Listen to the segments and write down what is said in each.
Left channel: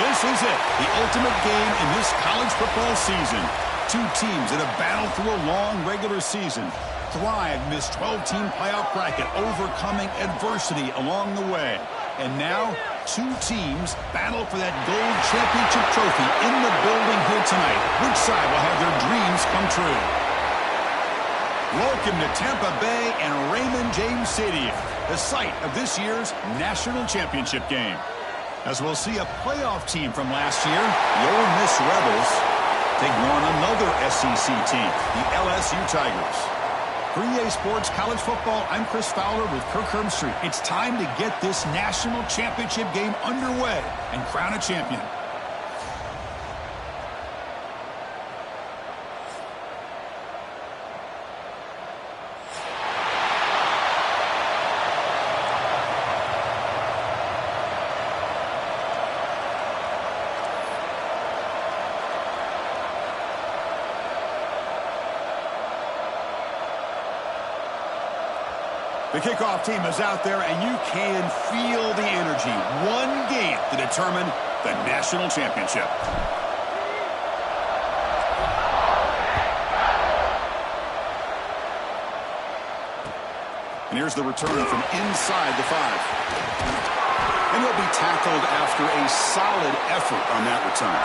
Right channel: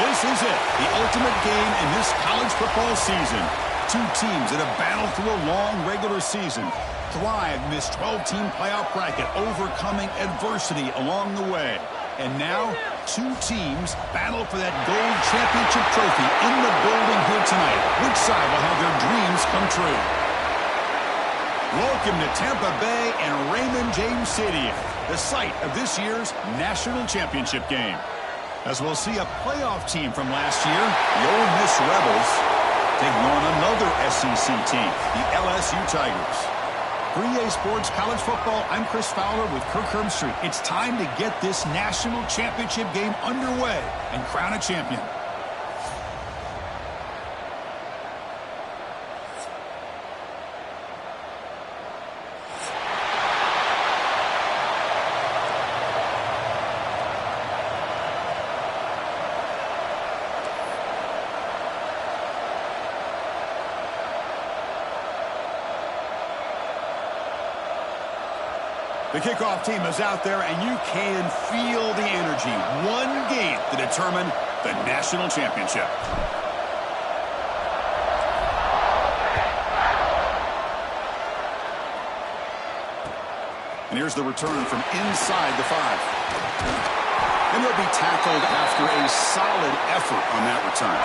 This is it, the ultimate game in this college football season. Two teams that have battled through a long regular season, thrived in this 12-team playoff bracket, overcoming adversity along the way. And now, two teams battle for that gold championship trophy in the building here tonight. Which side will have their dreams come true? Welcome to Tampa Bay and Raymond James Stadium, the site of this year's national championship game. As we'll see a playoff team from last year, the Ole Miss Rebels, taking on another SEC team, the LSU Tigers. For EA Sports College Football, I'm Chris Fowler with Kirk Herbstreit. It's time to get this national championship game underway and crown a champion. The kickoff team is out there, and you can feel the energy. One game to determine the national championship. And here's the return from inside the 5. And he'll be tackled after a solid effort on that return.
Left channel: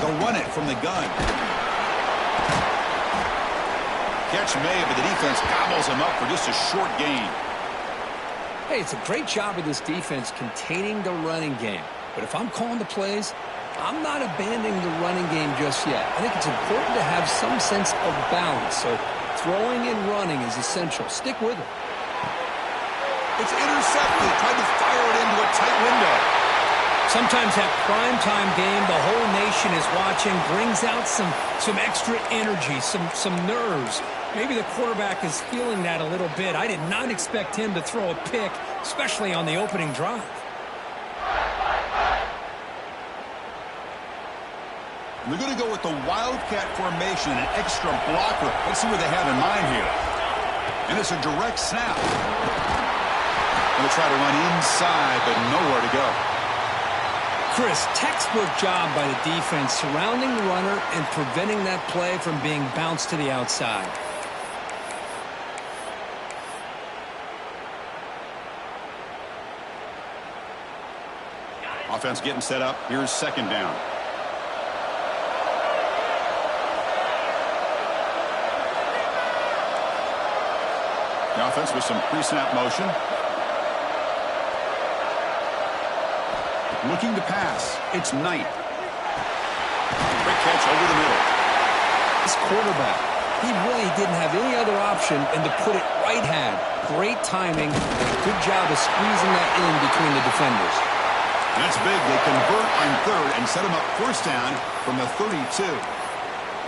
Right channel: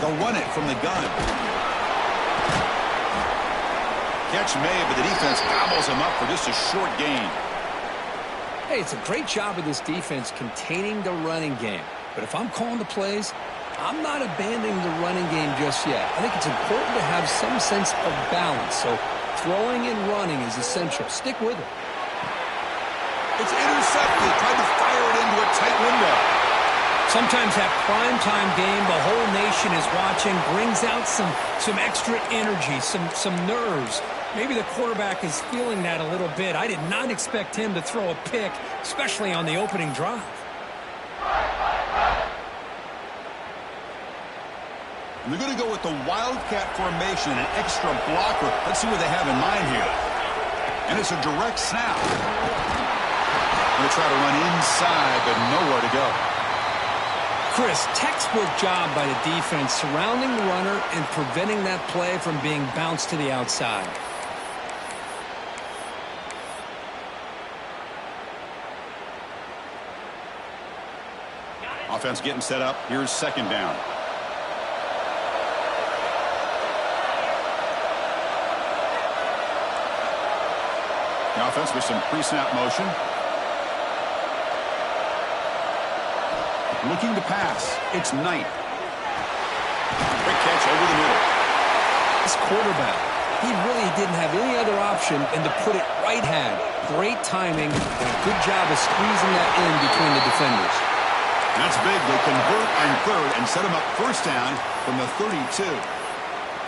They'll run it from the gun. Catch made, but the defense gobbles him up for just a short gain. Hey, it's a great job of this defense containing the running game. But if I'm calling the plays, I'm not abandoning the running game just yet. I think it's important to have some sense of balance. So throwing and running is essential. Stick with it. It's intercepted. Tried to fire it into a tight window. Sometimes that primetime game, the whole nation is watching, brings out some extra energy, some nerves. Maybe the quarterback is feeling that a little bit. I did not expect him to throw a pick, especially on the opening drive. And they're going to go with the Wildcat formation and an extra blocker. Let's see what they have in mind here. And it's a direct snap. Going to try to run inside, but nowhere to go. Chris, textbook job by the defense surrounding the runner and preventing that play from being bounced to the outside. Offense getting set up. Here's second down. The offense with some pre-snap motion. Looking to pass. It's Knight. Great catch over the middle. This quarterback, he really didn't have any other option than to put it right hand. Great timing and a good job of squeezing that in between the defenders. That's big. They convert on third and set him up first down from the 32.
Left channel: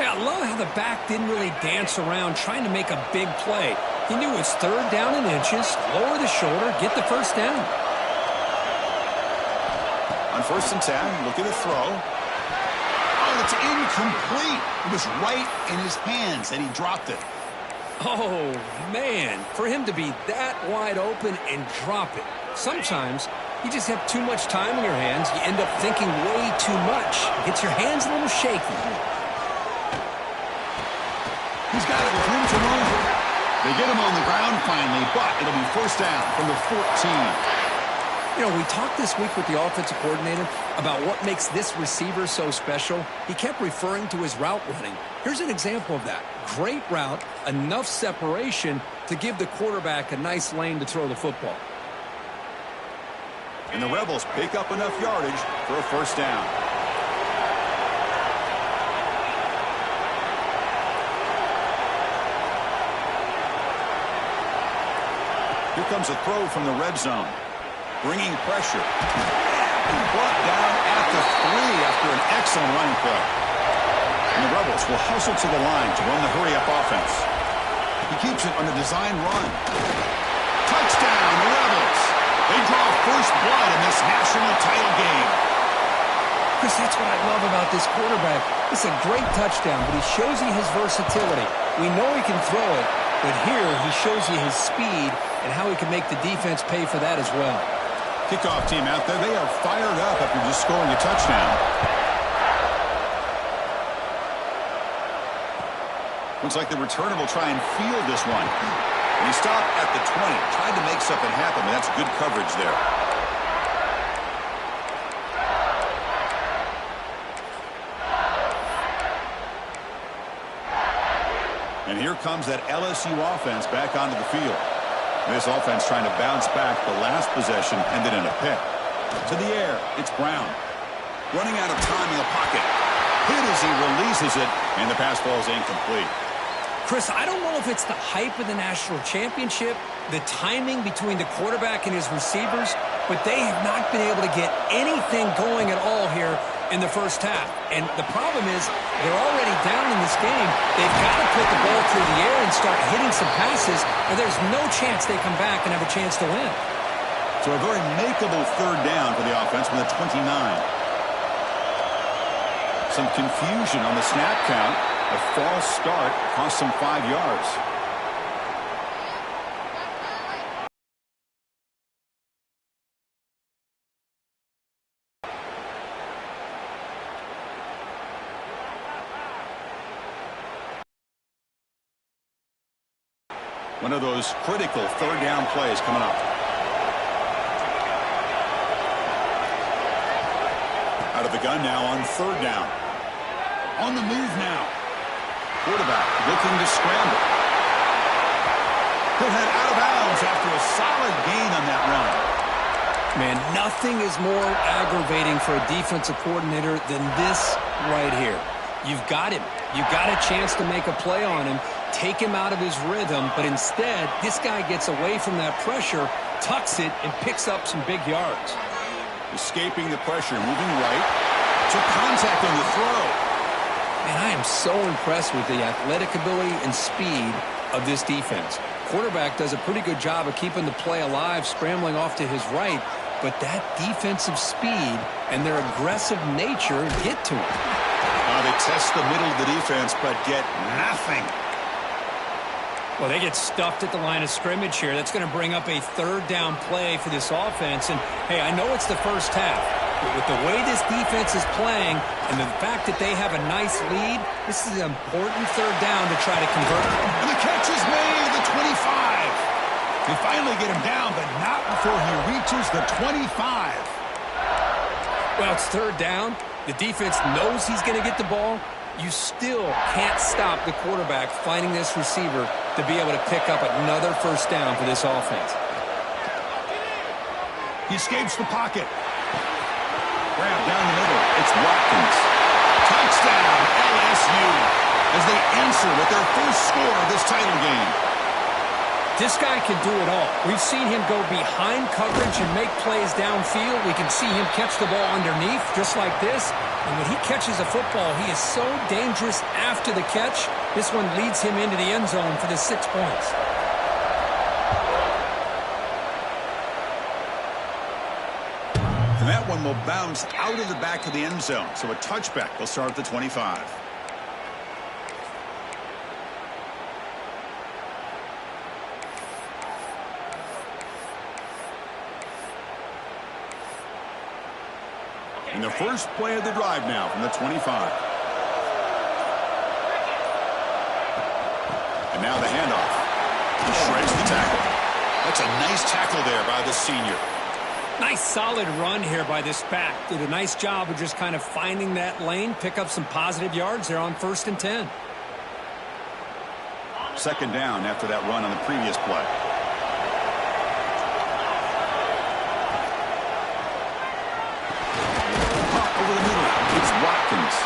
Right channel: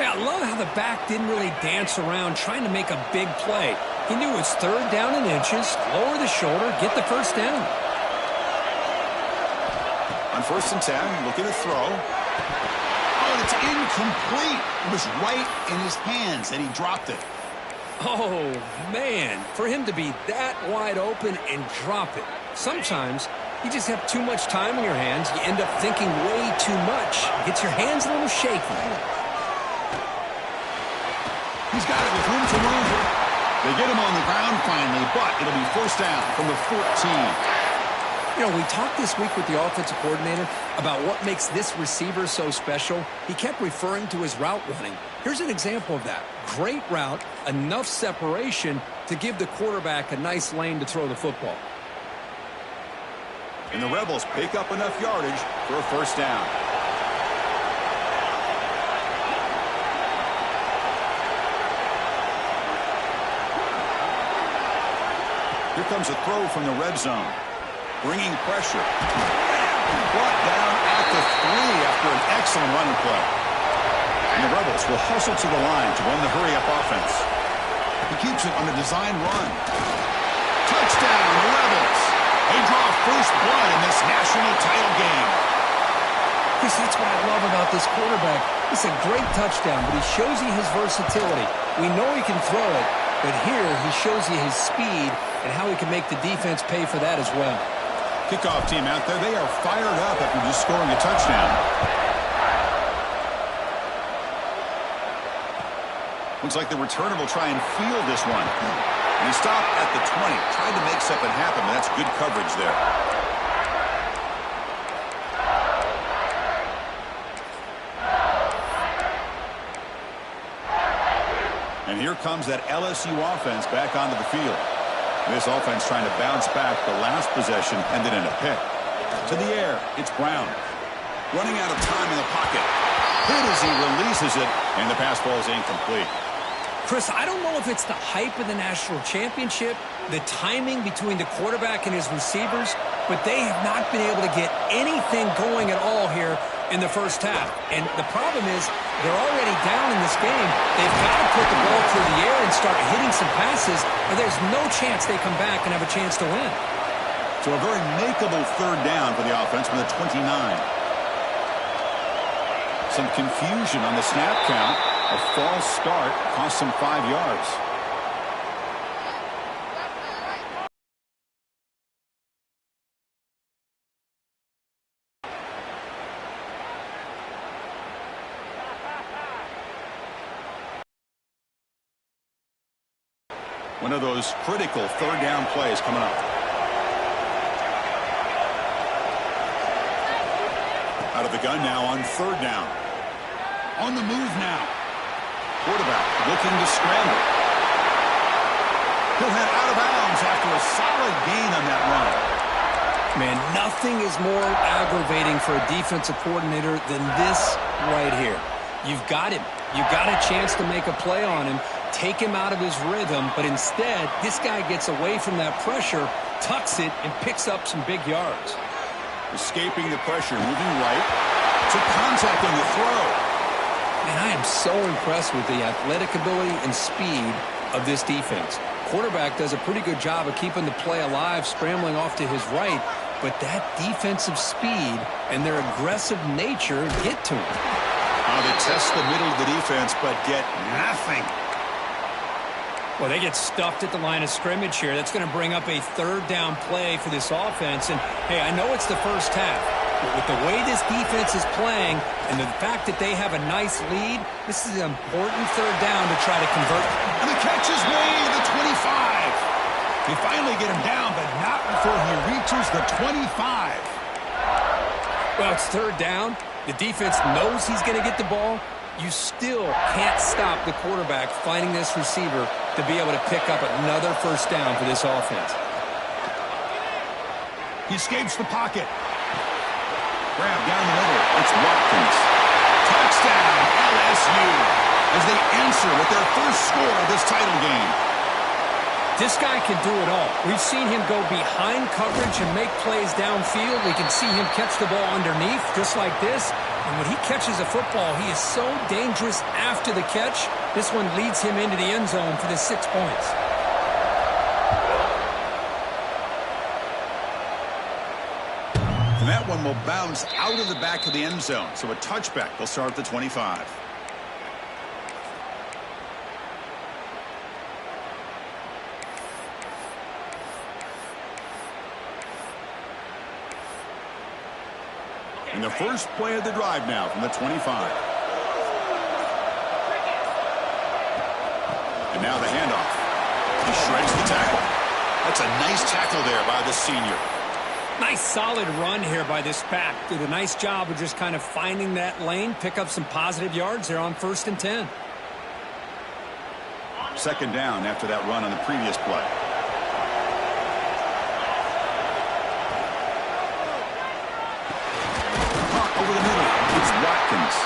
Yeah, I love how the back didn't really dance around trying to make a big play. He knew it's third down in inches, lower the shoulder, get the first down. On 1st and 10, looking to throw. Oh, and it's incomplete. It was right in his hands, and he dropped it. Oh, man. For him to be that wide open and drop it. Sometimes you just have too much time in your hands. You end up thinking way too much. Gets your hands a little shaky. He's got it with room to move. They get him on the ground finally, but it'll be first down from the 14. You know, we talked this week with the offensive coordinator about what makes this receiver so special. He kept referring to his route running. Here's an example of that. Great route, enough separation to give the quarterback a nice lane to throw the football. And the Rebels pick up enough yardage for a first down. Here comes a throw from the red zone. Bringing pressure. Brought down at the 3 after an excellent running play. And the Rebels will hustle to the line to run the hurry-up offense. He keeps it on a design run. Touchdown, the Rebels. They draw first blood in this national title game. Chris, that's what I love about this quarterback. It's a great touchdown, but he shows you his versatility. We know he can throw it, but here he shows you his speed and how he can make the defense pay for that as well. Kickoff team out there, they are fired up after just scoring a touchdown. Looks like the returner will try and field this one. And he stopped at the 20. Tried to make something happen, but that's good coverage there. And here comes that LSU offense back onto the field. This offense trying to bounce back. The last possession ended in a pick. To the air, it's Brown. Running out of time in the pocket. Hit as he releases it, and the pass ball is incomplete. Chris, I don't know if it's the hype of the national championship, the timing between the quarterback and his receivers, but they have not been able to get anything going at all here in the first half. And the problem is they're already down in this game. They've got to put the ball through the air and start hitting some passes, or there's no chance they come back and have a chance to win. So a very makeable third down for the offense from the 29. Some confusion on the snap count. A false start cost them 5 yards. One of those critical third down plays coming up. Out of the gun now on third down. On the move now. Quarterback looking to scramble. He'll head out of bounds after a solid gain on that run. Man, nothing is more aggravating for a defensive coordinator than this right here. You've got him. You've got a chance to make a play on him, take him out of his rhythm, but instead, this guy gets away from that pressure, tucks it, and picks up some big yards. Escaping the pressure, moving right. Took contact on the throw. Man, I am so impressed with the athletic ability and speed of this defense. Quarterback does a pretty good job of keeping the play alive, scrambling off to his right, but that defensive speed and their aggressive nature get to him. They test the middle of the defense, but get nothing. Well, they get stuffed at the line of scrimmage here. That's going to bring up a third down play for this offense. And, hey, I know it's the first half, but with the way this defense is playing and the fact that they have a nice lead, this is an important third down to try to convert. And the catch is made at the 25. They finally get him down, but not before he reaches the 25. Well, it's third down. The defense knows he's going to get the ball. You still can't stop the quarterback finding this receiver to be able to pick up another first down for this offense. He escapes the pocket. Grab down the middle. It's Watkins. Touchdown, LSU, as they answer with their first score of this title game. This guy can do it all. We've seen him go behind coverage and make plays downfield. We can see him catch the ball underneath just like this. And when he catches a football, he is so dangerous after the catch. This one leads him into the end zone for the 6 points. And that one will bounce out of the back of the end zone. So a touchback. They'll start at the 25. And the first play of the drive now from the 25. And now the handoff. He shreds the tackle. That's a nice tackle there by the senior. Nice solid run here by this back. Did a nice job of just kind of finding that lane, pick up some positive yards there on 1st and 10. Second down after that run on the previous play. Over the middle, it's Watkins.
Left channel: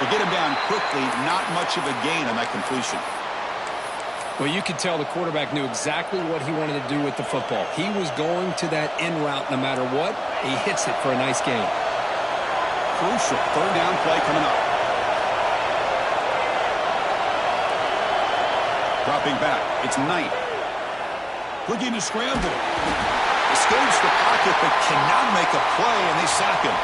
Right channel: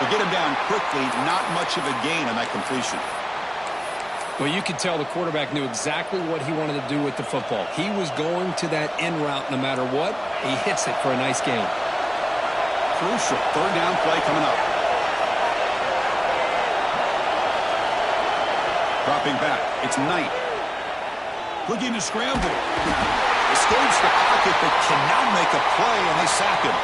They get him down quickly, not much of a gain on that completion. Well, you could tell the quarterback knew exactly what he wanted to do with the football. He was going to that in route no matter what. He hits it for a nice gain. Crucial third down play coming up. Dropping back, it's Knight. Looking to scramble. Escapes the pocket, but cannot make a play, and they sack him.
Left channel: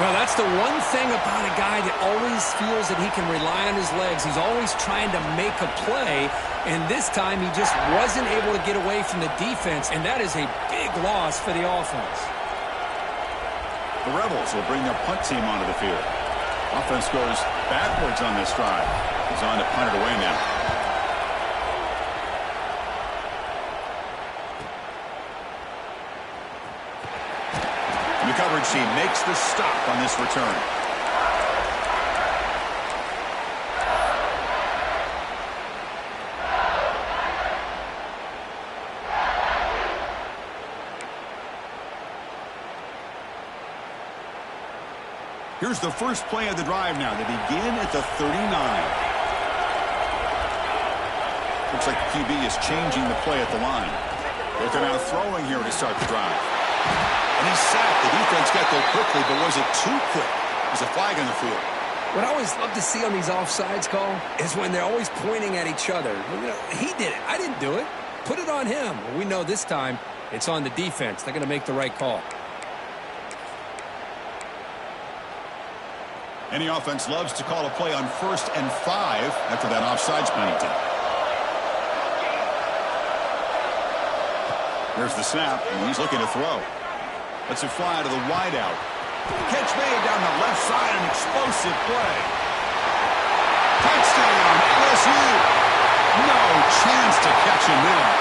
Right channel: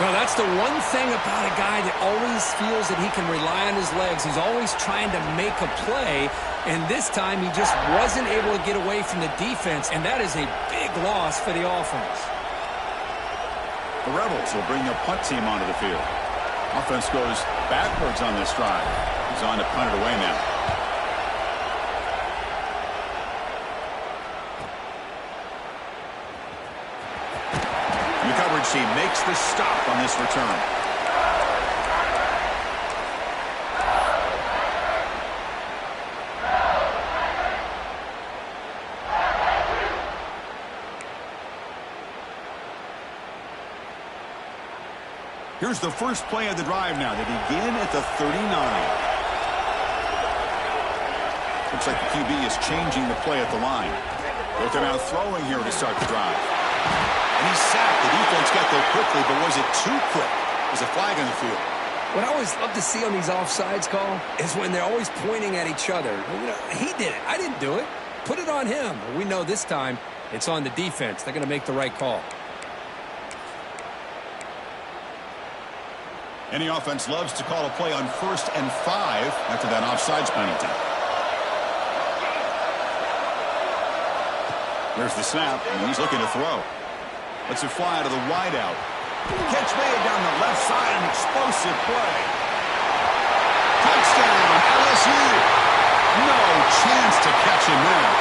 Well, that's the one thing about a guy that always feels that he can rely on his legs. He's always trying to make a play, and this time he just wasn't able to get away from the defense, and that is a big loss for the offense. The Rebels will bring their punt team onto the field. Offense goes backwards on this drive. He's on to punt it away now. The coverage team makes the stop on this return. Here's the first play of the drive now. They begin at the 39. Looks like the QB is changing the play at the line. They'll come out throwing here to start the drive. And he's sacked. The defense got there quickly, but was it too quick? There's a flag on the field. What I always love to see on these offsides call is when they're always pointing at each other. You know, he did it. I didn't do it. Put it on him. We know this time it's on the defense. They're going to make the right call. Any offense loves to call a play on 1st and 5 after that offsides penalty. Here's the snap, and he's looking to throw. Lets it fly to the wideout. Catch made down the left side, an explosive play. Touchdown, LSU. No chance to catch him there.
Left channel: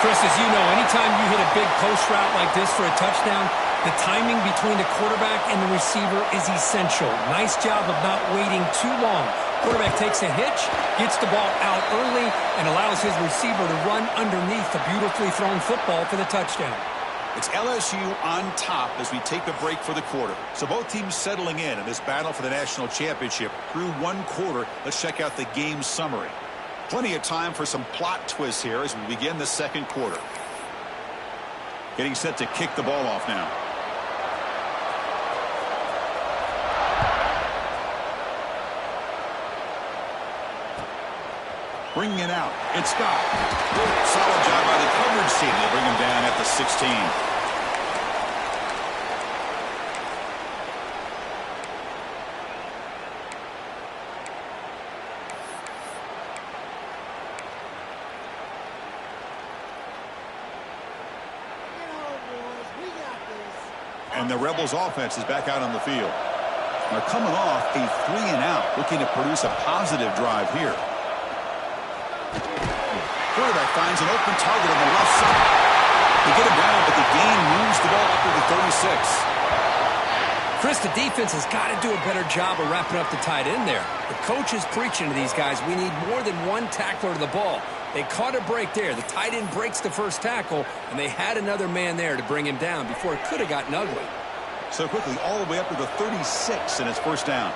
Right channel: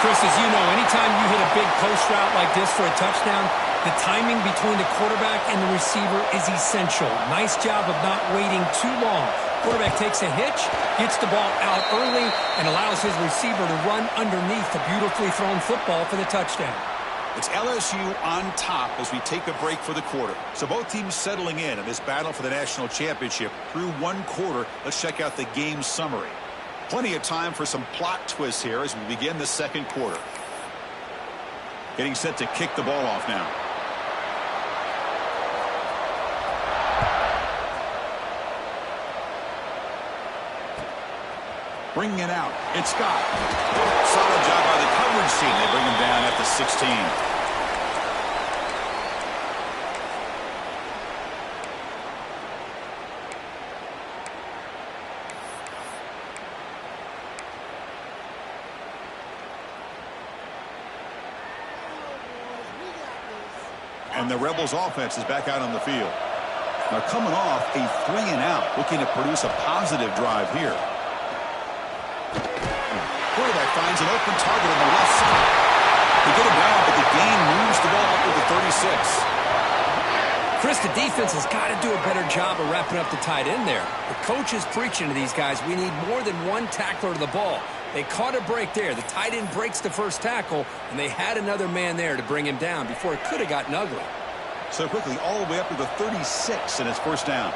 Chris, as you know, anytime you hit a big post route like this for a touchdown, the timing between the quarterback and the receiver is essential. Nice job of not waiting too long. Quarterback takes a hitch, gets the ball out early, and allows his receiver to run underneath the beautifully thrown football for the touchdown. It's LSU on top as we take a break for the quarter. So both teams settling in this battle for the national championship through one quarter. Let's check out the game summary. Plenty of time for some plot twists here as we begin the second quarter. Getting set to kick the ball off now. Bringing it out. It's Scott. Solid job by the coverage team. They bring him down at the 16. And the Rebels offense is back out on the field. They're coming off a 3-and-out, looking to produce a positive drive here. Quarterback finds an open target on the left side. They get him down, but the gain moves the ball up to the 36. Chris, the defense has got to do a better job of wrapping up the tight end there. The coach is preaching to these guys, we need more than one tackler to the ball. They caught a break there. The tight end breaks the first tackle, and they had another man there to bring him down before it could have gotten ugly. So quickly all the way up to the 36, and it's first down.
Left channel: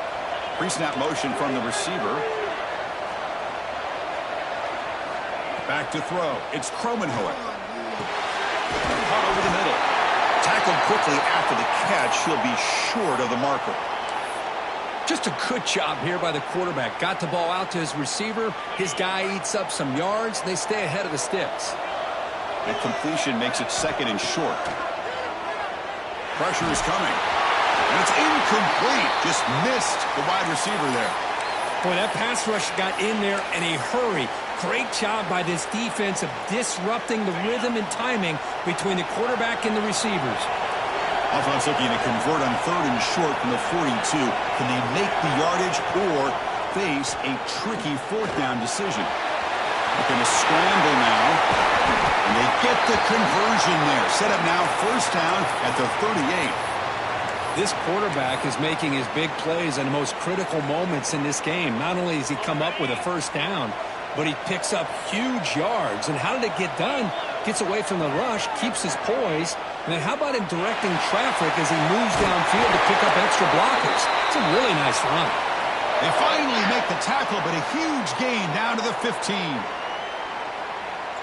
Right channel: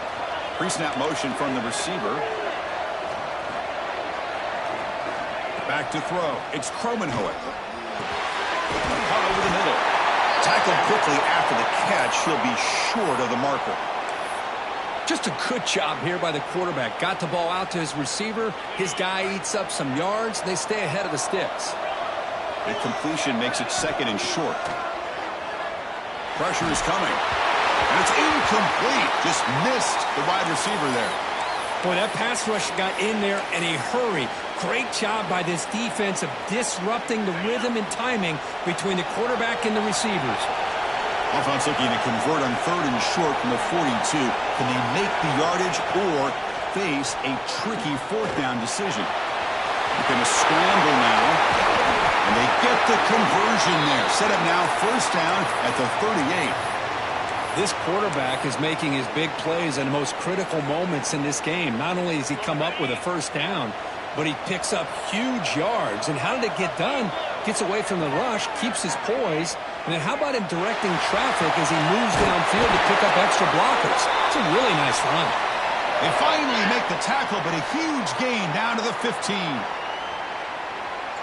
Pre-snap motion from the receiver. Back to throw. It's Kromenhoek. Caught over the middle. Tackled quickly after the catch. He'll be short of the marker. Just a good job here by the quarterback. Got the ball out to his receiver. His guy eats up some yards. They stay ahead of the sticks. That completion makes it second and short. Pressure is coming. And it's incomplete. Just missed the wide receiver there. Boy, that pass rush got in there in a hurry. Great job by this defense of disrupting the rhythm and timing between the quarterback and the receivers. Offense looking to convert on 3rd and short from the 42. Can they make the yardage or face a tricky 4th down decision? They're going to scramble now. And they get the conversion there. Set up now 1st down at the 38. This quarterback is making his big plays in the most critical moments in this game. Not only does he come up with a 1st down, but he picks up huge yards. And how did it get done? Gets away from the rush, keeps his poise. And then how about him directing traffic as he moves downfield to pick up extra blockers? It's a really nice run. They finally make the tackle, but a huge gain down to the 15.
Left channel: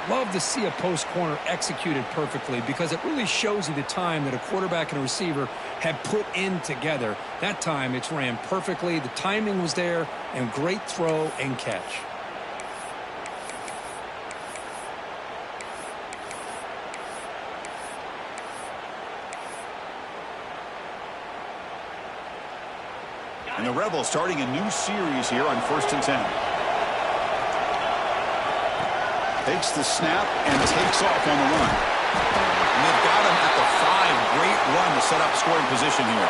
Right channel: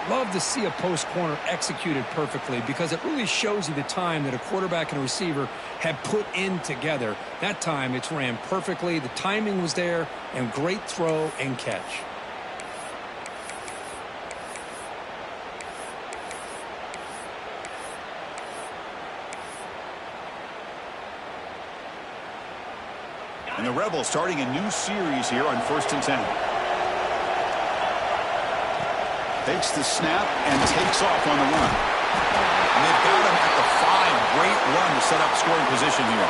Love to see a post corner executed perfectly because it really shows you the time that a quarterback and a receiver have put in together. That time it's ran perfectly. The timing was there, and great throw and catch. And the Rebels starting a new series here on 1st and 10. Takes the snap and takes off on the run. And they've got him at the 5. Great run to set up scoring position here.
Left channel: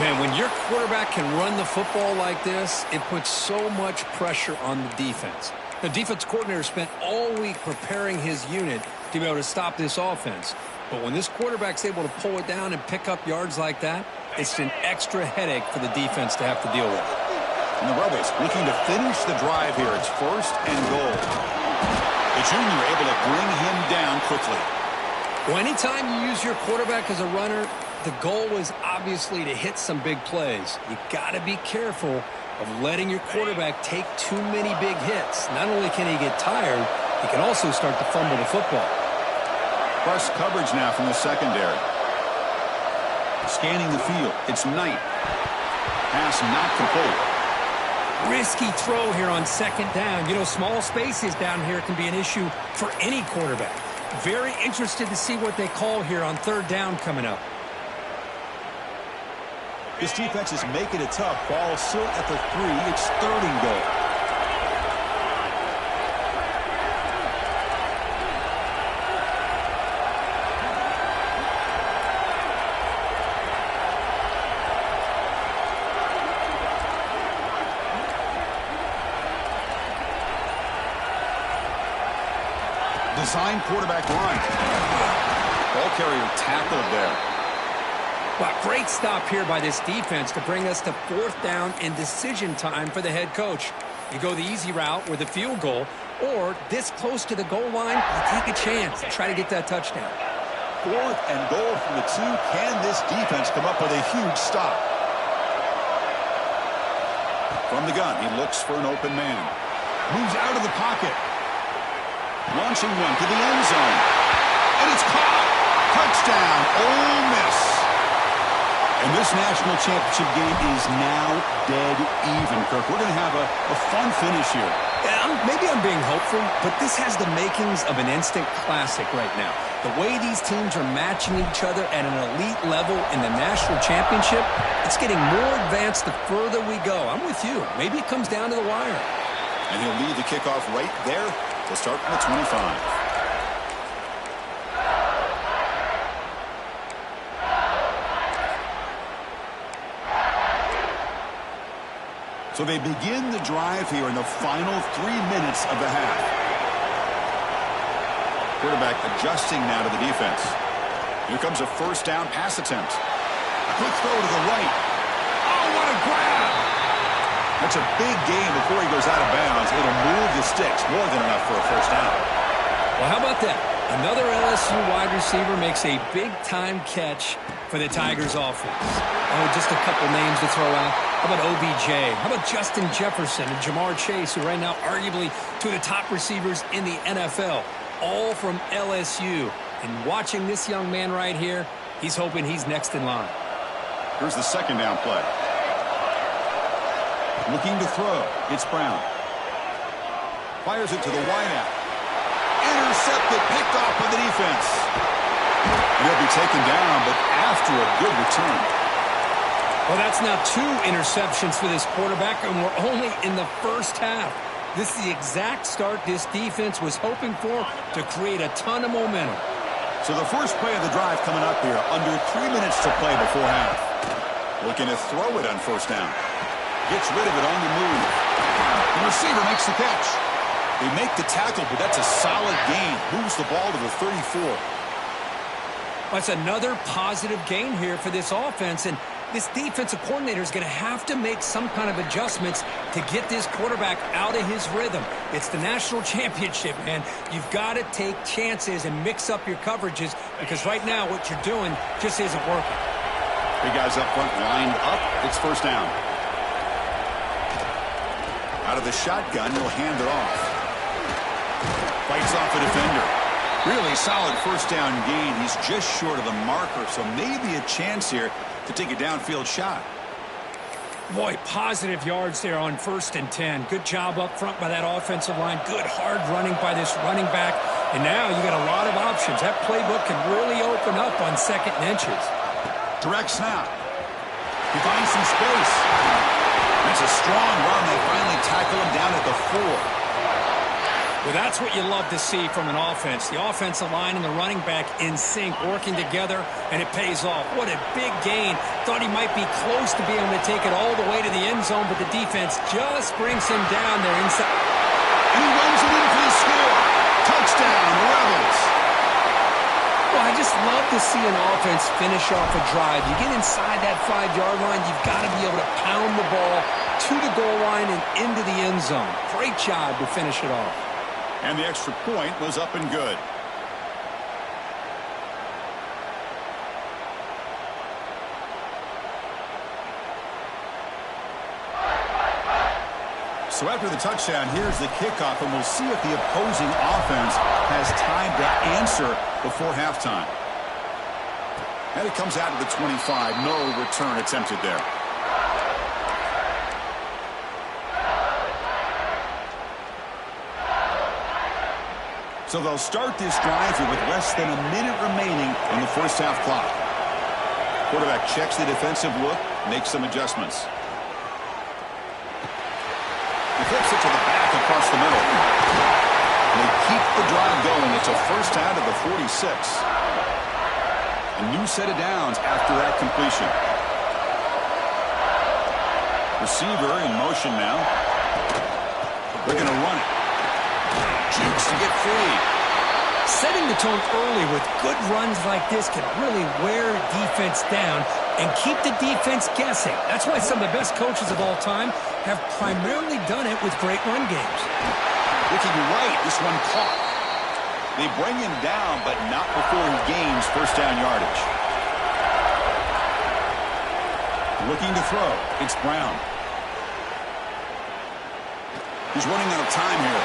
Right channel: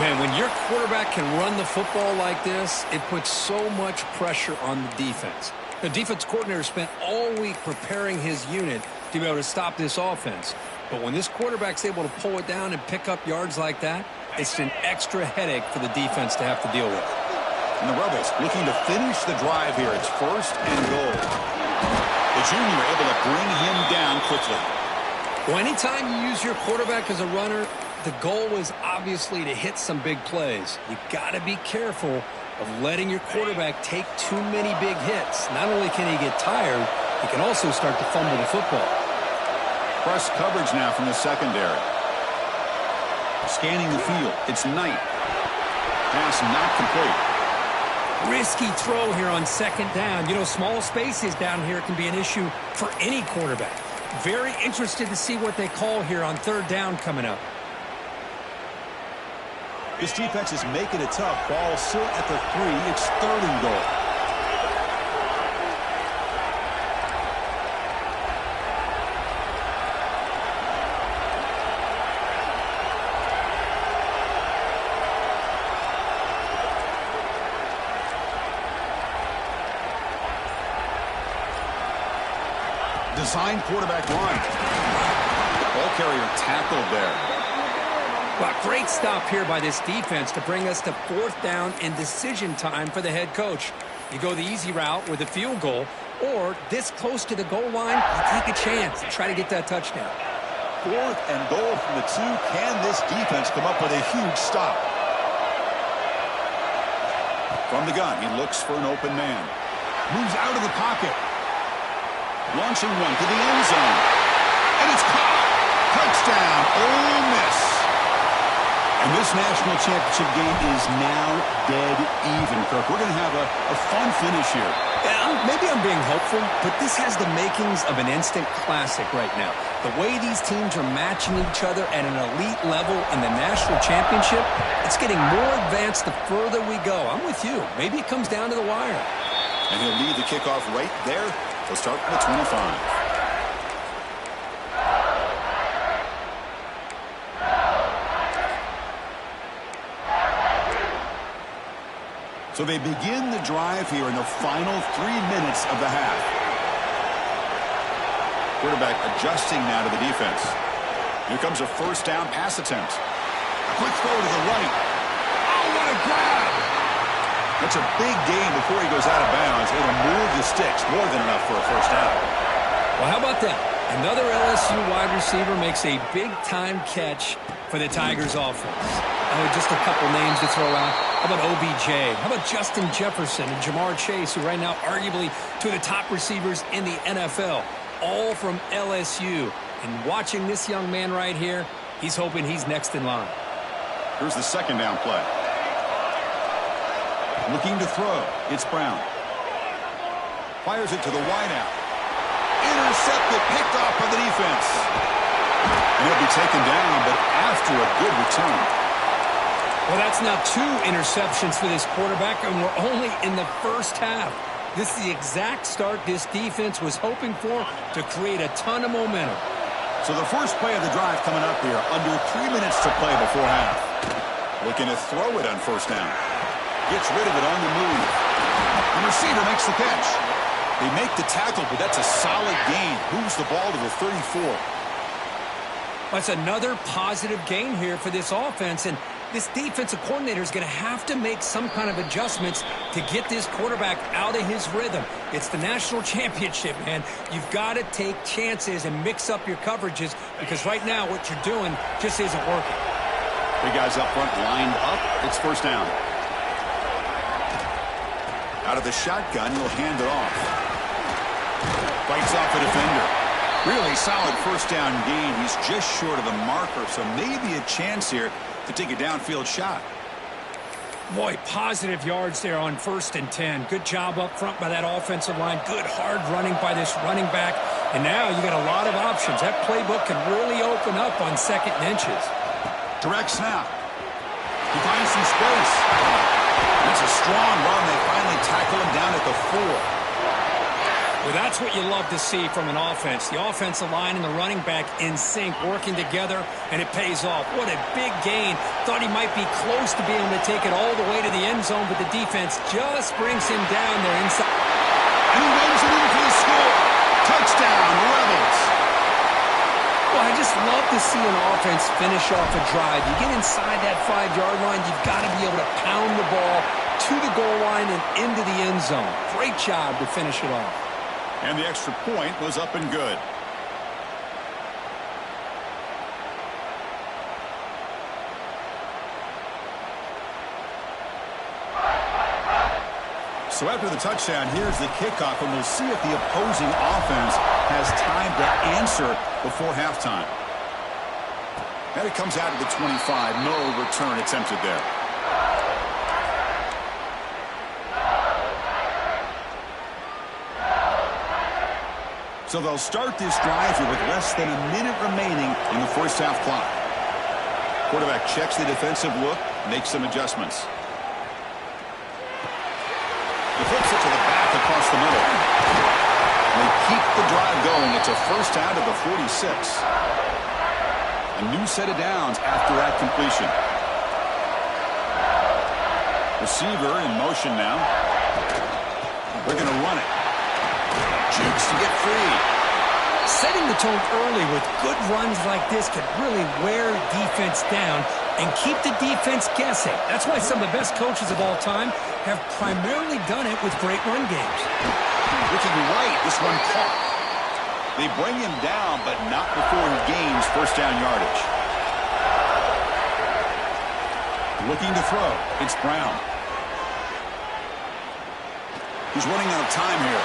Man, when your quarterback can run the football like this, it puts so much pressure on the defense. The defense coordinator spent all week preparing his unit to be able to stop this offense. But when this quarterback's able to pull it down and pick up yards like that, it's an extra headache for the defense to have to deal with. And the Rebels looking to finish the drive here. It's 1st and goal. The junior able to bring him down quickly. Well, anytime you use your quarterback as a runner, the goal is obviously to hit some big plays. You got to be careful of letting your quarterback take too many big hits. Not only can he get tired, he can also start to fumble the football. Press coverage now from the secondary. Scanning the field. It's Knight. Pass not complete. Risky throw here on 2nd down. You know, small spaces down here can be an issue for any quarterback. Very interested to see what they call here on 3rd down coming up. This defense is making it tough. Ball still at the 3. It's 3rd and goal. Design quarterback run. Ball carrier tackled there. Well, great stop here by this defense to bring us to 4th down and decision time for the head coach. You go the easy route with a field goal, or this close to the goal line, you take a chance and try to get that touchdown. 4th and goal from the 2. Can this defense come up with a huge stop? From the gun, he looks for an open man. Moves out of the pocket. Launching one to the end zone. And it's caught. Touchdown, Ole Miss. And this national championship game is now dead even, Kirk. We're going to have a fun finish here. Yeah, maybe I'm being hopeful, but this has the makings of an instant classic right now. The way these teams are matching each other at an elite level in the national championship, it's getting more advanced the further we go. I'm with you. Maybe it comes down to the wire. And he'll lead the kickoff right there. We'll start from the 25. So they begin the drive here in the final 3 minutes of the half. Quarterback adjusting now to the defense. Here comes a 1st down pass attempt. A quick throw to the right. Oh, what a grab! That's a big gain before he goes out of bounds. It'll move the sticks. More than enough for a 1st down. Well, how about that? Another LSU wide receiver makes a big-time catch for the Tigers offense. Oh, just a couple names to throw out. How about OBJ? How about Justin Jefferson and Jamar Chase, who right now arguably two of the top receivers in the NFL, all from LSU. And watching this young man right here, he's hoping he's next in line. Here's the 2nd down play. Looking to throw. It's Brown. Fires it to the wideout. Intercepted, picked off by the defense. And he'll be taken down, but after a good return. Well, that's now 2 interceptions for this quarterback, and we're only in the first half. This is the exact start this defense was hoping for to create a ton of momentum. So the first play of the drive coming up here, under 3 minutes to play before half. Looking to throw it on 1st down. Gets rid of it on the move. The receiver makes the catch. They make the tackle, but that's a solid gain. Moves the ball to the 34. That's another positive gain here for this offense, and this defensive coordinator is going to have to make some kind of adjustments to get this quarterback out of his rhythm. It's the national championship, man. You've got to take chances and mix up your coverages because right now what you're doing just isn't working. Big guys up front lined up. It's 1st down. Out of the shotgun, he'll hand it off. Fights off a defender. Really solid 1st down gain. He's just short of the marker, so maybe a chance here to take a downfield shot. Boy, positive yards there on 1st and 10. Good job up front by that offensive line. Good hard running by this running back. And now you got a lot of options. That playbook can really open up on 2nd and inches. Direct snap. He finds some space. That's a strong run. They finally tackle him down at the 4. Well, that's what you love to see from an offense. The offensive line and the running back in sync, working together, and it pays off. What a big gain. Thought he might be close to being able to take it all the way to the end zone, but the defense just brings him down there inside. And he runs it in for the score. Touchdown, Rebels. Well, I just love to see an offense finish off a drive. You get inside that 5-yard line, you've got to be able to pound the ball to the goal line and into the end zone. Great job to finish it off. And the extra point was up and good. So after the touchdown, here's the kickoff, and we'll see if the opposing offense has time to answer before halftime. And it comes out to the 25. No return attempted there. So they'll start this drive here with less than a minute remaining in the first half clock. Quarterback checks the defensive look, makes some adjustments. He flips it to the back across the middle. And they keep the drive going. It's a first down to the 46. A new set of downs after that completion. Receiver in motion now. They're going to run it. Jukes to get free. Setting the tone early with good runs like this can really wear defense down and keep the defense guessing. That's why some of the best coaches of all time have primarily done it with great run games. Looking right, this one caught. They bring him down, but not before he gains first down yardage. Looking to throw. It's Brown. He's running out of time here.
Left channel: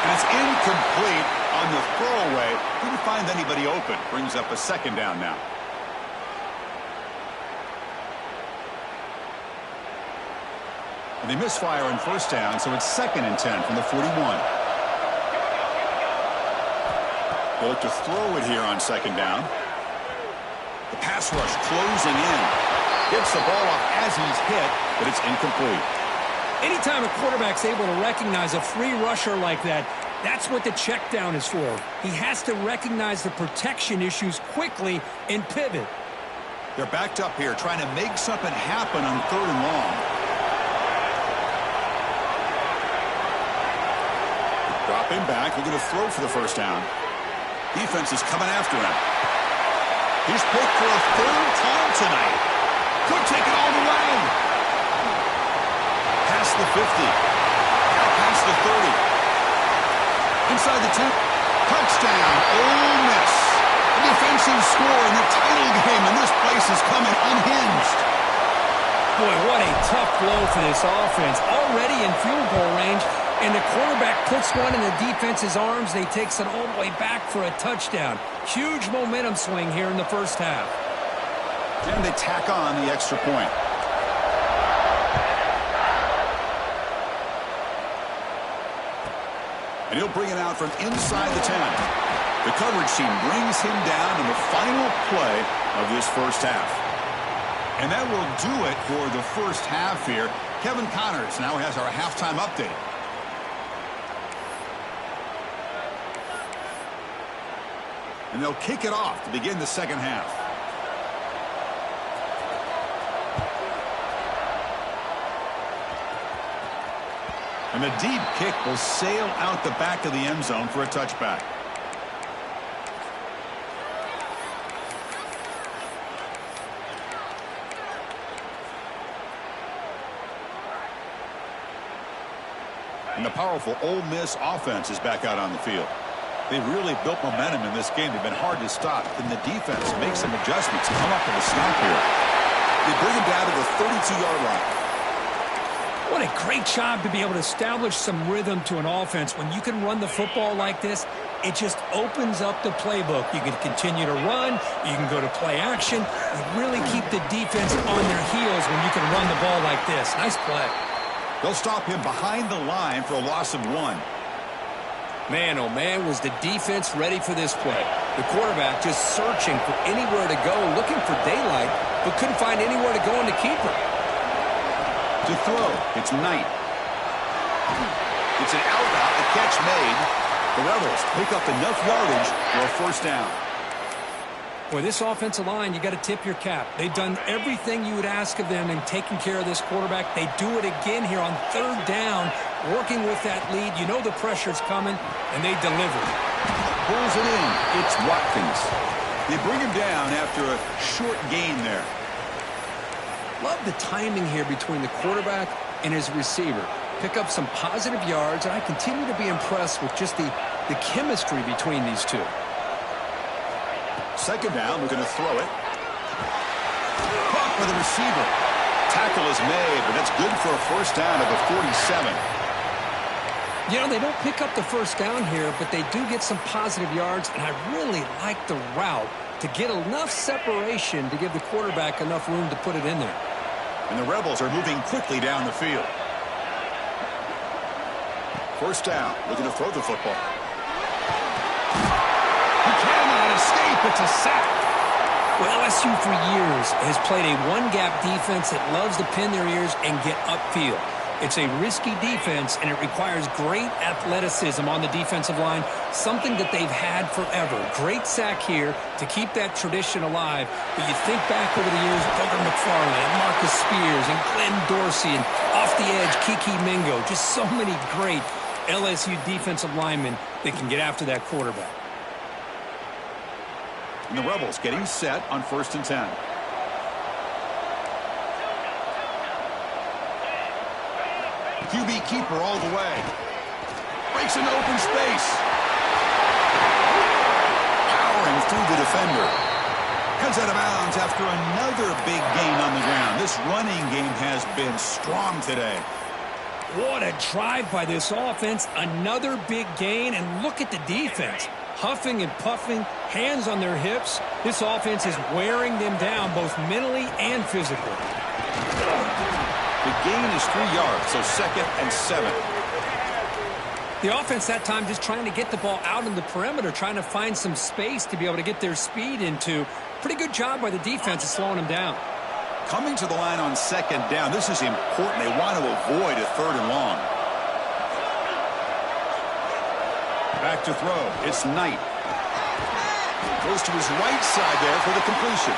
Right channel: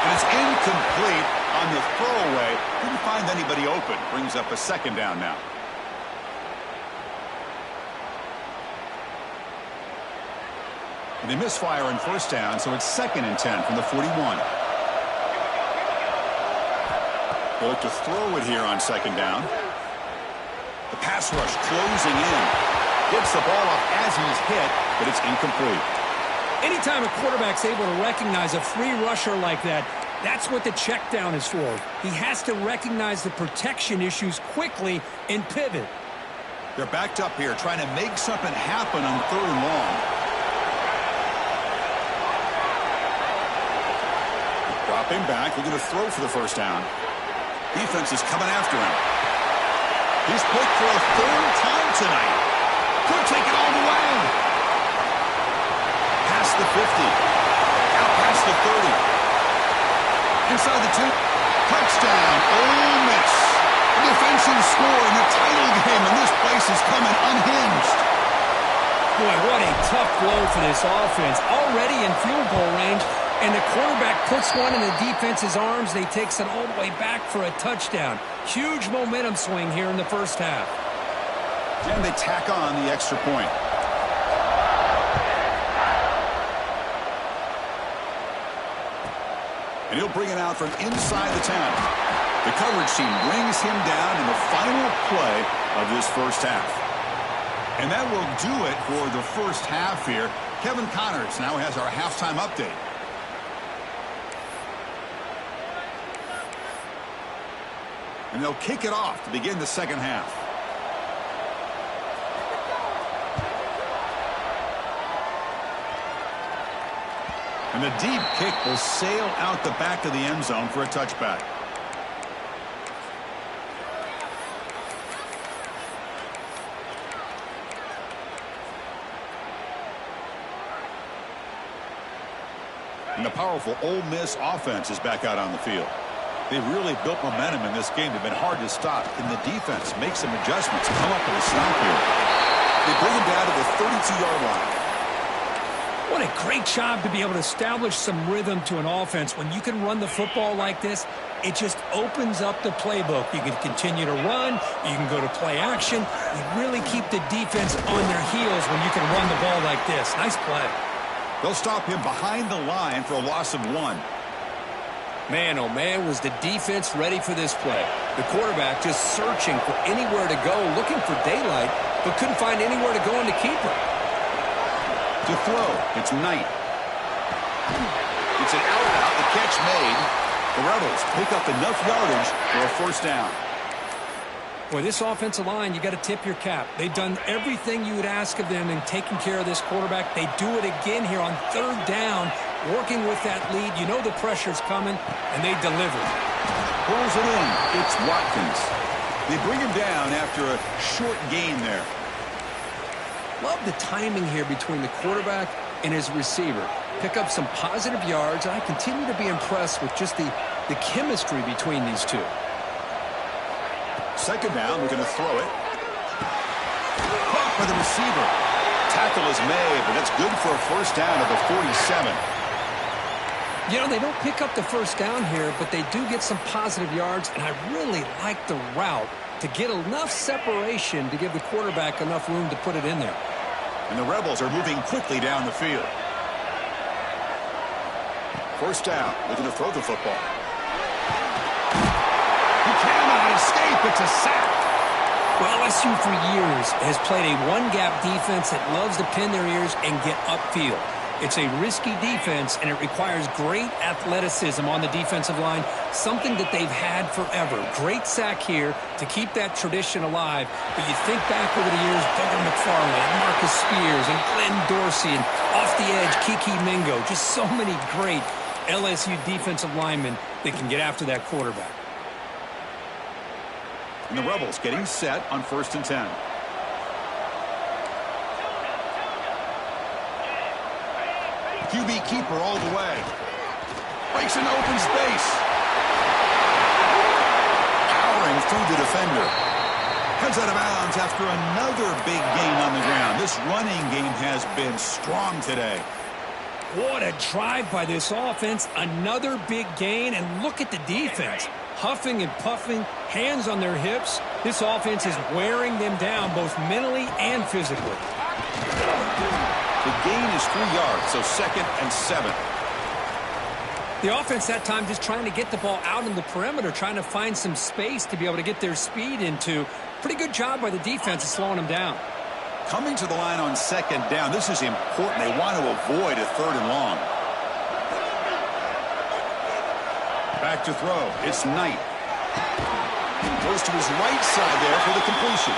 And it's incomplete on the throwaway. Didn't find anybody open. Brings up a second down now. And they misfire on first down, so it's 2nd and 10 from the 41. They look to throw it here on 2nd down. The pass rush closing in. Gets the ball off as he's hit, but it's incomplete. Anytime a quarterback's able to recognize a free rusher like that, that's what the check down is for. He has to recognize the protection issues quickly and pivot. They're backed up here trying to make something happen on 3rd and long. Dropping back, looking to throw for the first down. Defense is coming after him. He's picked for a 3rd time tonight. Could take it all the way. Past the 50. Out past the 30. Inside the 2. Touchdown, Ole Miss. A defensive score in the title game, and this place is coming unhinged. Boy, what a tough blow for this offense. Already in field goal range, and the quarterback puts one in the defense's arms. They takes it all the way back for a touchdown. Huge momentum swing here in the first half. And they tack on the extra point. And he'll bring it out from inside the 10. The coverage team brings him down in the final play of this first half. And that will do it for the first half here. Kevin Connors now has our halftime update. And they'll kick it off to begin the second half. And the deep kick will sail out the back of the end zone for a touchback. And the powerful Ole Miss offense is back out on the field. They've really built momentum in this game. They've been hard to stop. Can the defense make some adjustments, come up with a stop here? They bring him down to the 32-yard line. What a great job to be able to establish some rhythm to an offense. When you can run the football like this, it just opens up the playbook. You can continue to run. You can go to play action. You really keep the defense on their heels when you can run the ball like this. Nice play. They'll stop him behind the line for a loss of 1. Man, oh man, was the defense ready for this play. The quarterback just searching for anywhere to go, looking for daylight, but couldn't find anywhere to go in the keeper. To throw, it's Knight. It's an out route, the catch made. The Rebels pick up enough yardage for a first down. Boy, this offensive line, you got to tip your cap. They've done everything you would ask of them in taking care of this quarterback. They do it again here on third down, working with that lead. You know the pressure's coming, and they deliver. Pulls it in. It's Watkins. They bring him down after a short gain there. Love the timing here between the quarterback and his receiver. Pick up some positive yards, and I continue to be impressed with just the chemistry between these two. Second down, we're going to throw it. Caught by the receiver. Tackle is made, but that's good for a first down at the 47. You know, they don't pick up the first down here, but they do get some positive yards, and I really like the route to get enough separation to give the quarterback enough room to put it in there. And the Rebels are moving quickly down the field. First down, looking to throw the football. He cannot escape. It's a sack. Well, LSU for years has played a one-gap defense that loves to pin their ears and get upfield. It's a risky defense, and it requires great athleticism on the defensive line, something that they've had forever. Great sack here to keep that tradition alive. But you think back over the years, Booger McFarland and Marcus Spears and Glenn Dorsey and off the edge, Kiki Mingo. Just so many great LSU defensive linemen that can get after that quarterback. And the Rebels getting set on 1st and 10. QB keeper all the way. Breaks into open space. Powering through the defender. Heads out of bounds after another big gain on the ground. This running game has been strong today. What a drive by this offense. Another big gain, and look at the defense. Huffing and puffing, hands on their hips. This offense is wearing them down both mentally and physically. The gain is 3 yards, so 2nd and 7. The offense that time just trying to get the ball out in the perimeter, trying to find some space to be able to get their speed into. Pretty good job by the defense of slowing them down. Coming to the line on 2nd down, this is important. They want to avoid a 3rd and long. Back to throw. It's Knight. Goes to his right side there for the completion.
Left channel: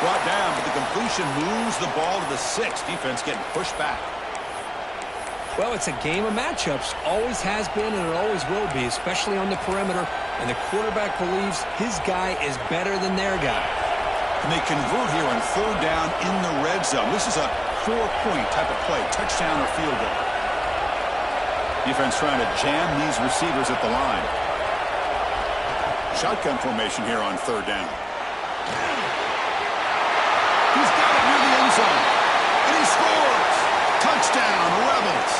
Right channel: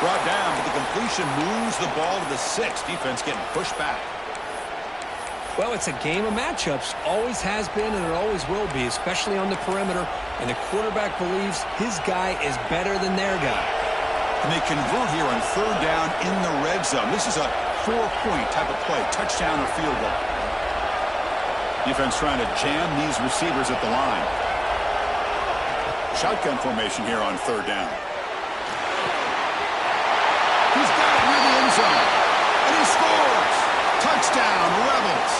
Brought down, but the completion moves the ball to the 6. Defense getting pushed back. Well, it's a game of matchups. Always has been, and it always will be, especially on the perimeter. And the quarterback believes his guy is better than their guy. And they convert here on 3rd down in the red zone. This is a 4-point type of play, touchdown or field goal. Defense trying to jam these receivers at the line. Shotgun formation here on 3rd down. He's got it near the end zone. And he scores. Touchdown, Rebels.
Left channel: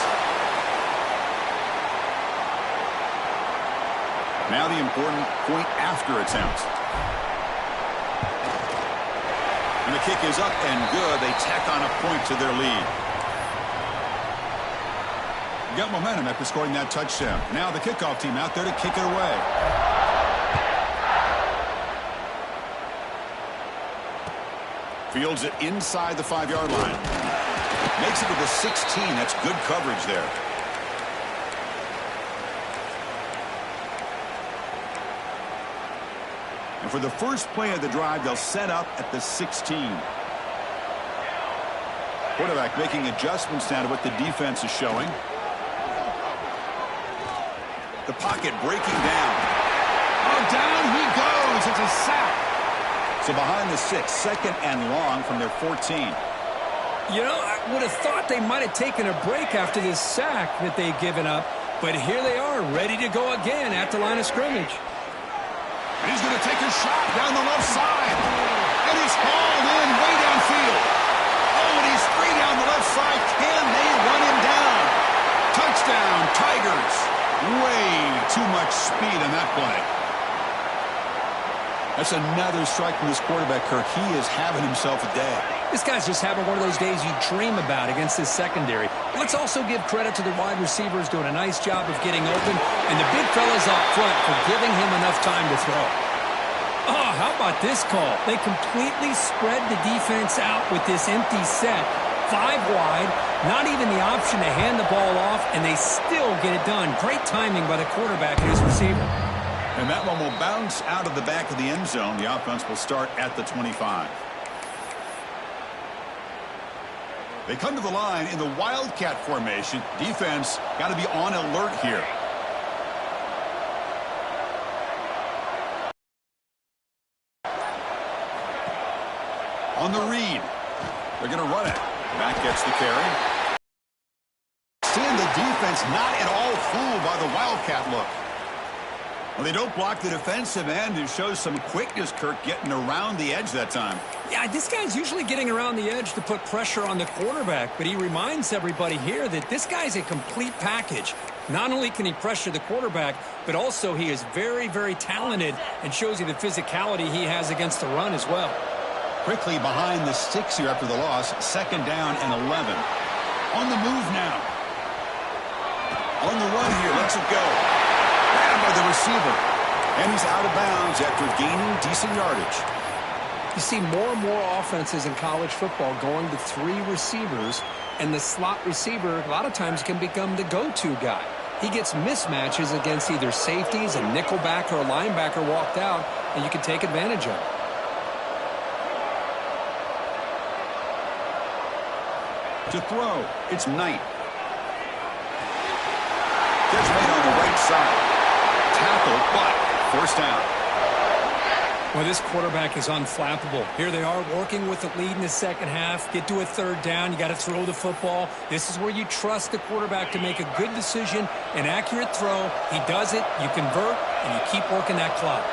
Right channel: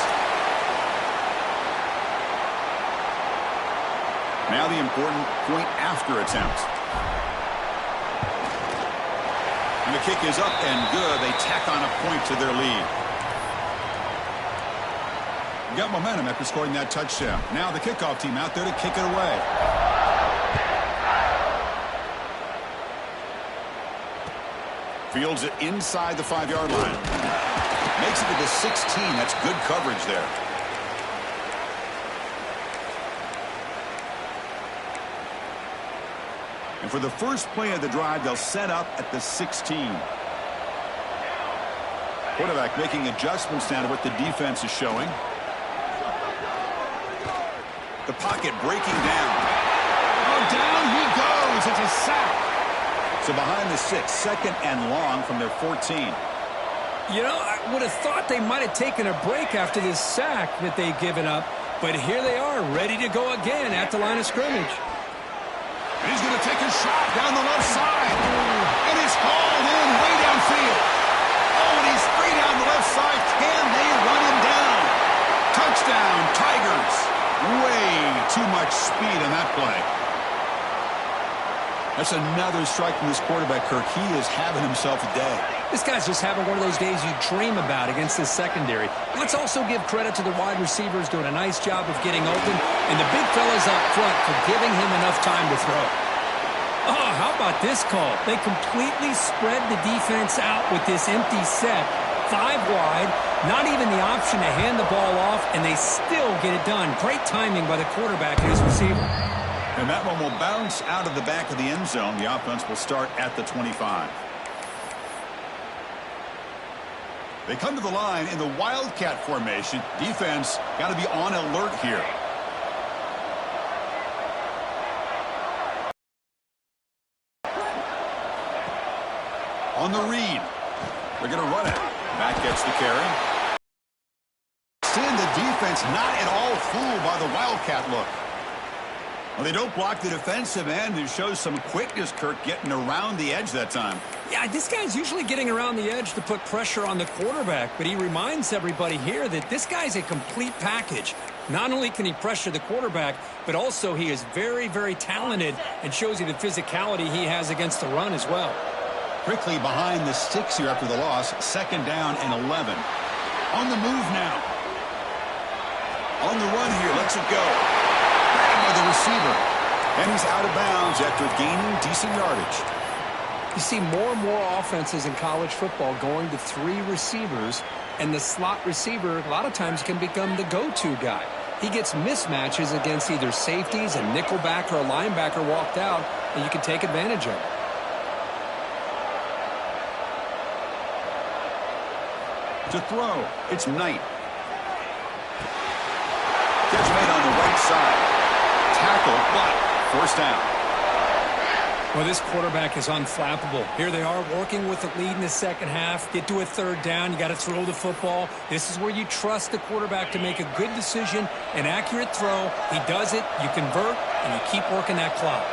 Now the important point after attempt. And the kick is up and good. They tack on a point to their lead. Got momentum after scoring that touchdown. Now the kickoff team out there to kick it away. Fields it inside the 5-yard line. Makes it to the 16. That's good coverage there. And for the first play of the drive, they'll set up at the 16. Quarterback making adjustments now to what the defense is showing. The pocket breaking down. Oh, down he goes. It's a sack. So behind the 6, 2nd and long from their 14. You know, I would have thought they might have taken a break after this sack that they've given up. But here they are, ready to go again at the line of scrimmage. And he's going to take a shot down the left side. And he's hauled in way downfield. Oh, and he's free down the left side. Can they run him down? Touchdown, Tigers. Way too much speed on that play. That's another strike from this quarterback, Kirk. He is having himself a day. This guy's just having one of those days you dream about against this secondary. But let's also give credit to the wide receivers doing a nice job of getting open, and the big fellas up front for giving him enough time to throw. Oh, how about this call? They completely spread the defense out with this empty set. 5 wide, not even the option to hand the ball off, and they still get it done. Great timing by the quarterback and his receiver. And that one will bounce out of the back of the end zone. The offense will start at the 25. They come to the line in the Wildcat formation. Defense got to be on alert here. On the read. They're going to run it. Back gets the carry. Seeing the defense not at all fooled by the Wildcat look. Well, they don't block the defensive end. It shows some quickness, Kirk, getting around the edge that time. Yeah, this guy's usually getting around the edge to put pressure on the quarterback, but he reminds everybody here that this guy's a complete package. Not only can he pressure the quarterback, but also he is very, very talented and shows you the physicality he has against the run as well. Quickly behind the sticks here after the loss. 2nd down and 11. On the move now. On the run here. Lets it go. Grabbed by the receiver. And he's out of bounds after gaining decent yardage. You see more and more offenses in college football going to 3 receivers, and the slot receiver a lot of times can become the go-to guy. He gets mismatches against either safeties, a nickelbacker, or a linebacker walked out, and you can take advantage of it. To throw, it's Knight. Catch made on the right side. Tackled, but forced down. Well, this quarterback is unflappable. Here they are working with the lead in the second half. Get to a 3rd down. You got to throw the football. This is where you trust the quarterback to make a good decision, an accurate throw. He does it, you convert, and you keep working that clock.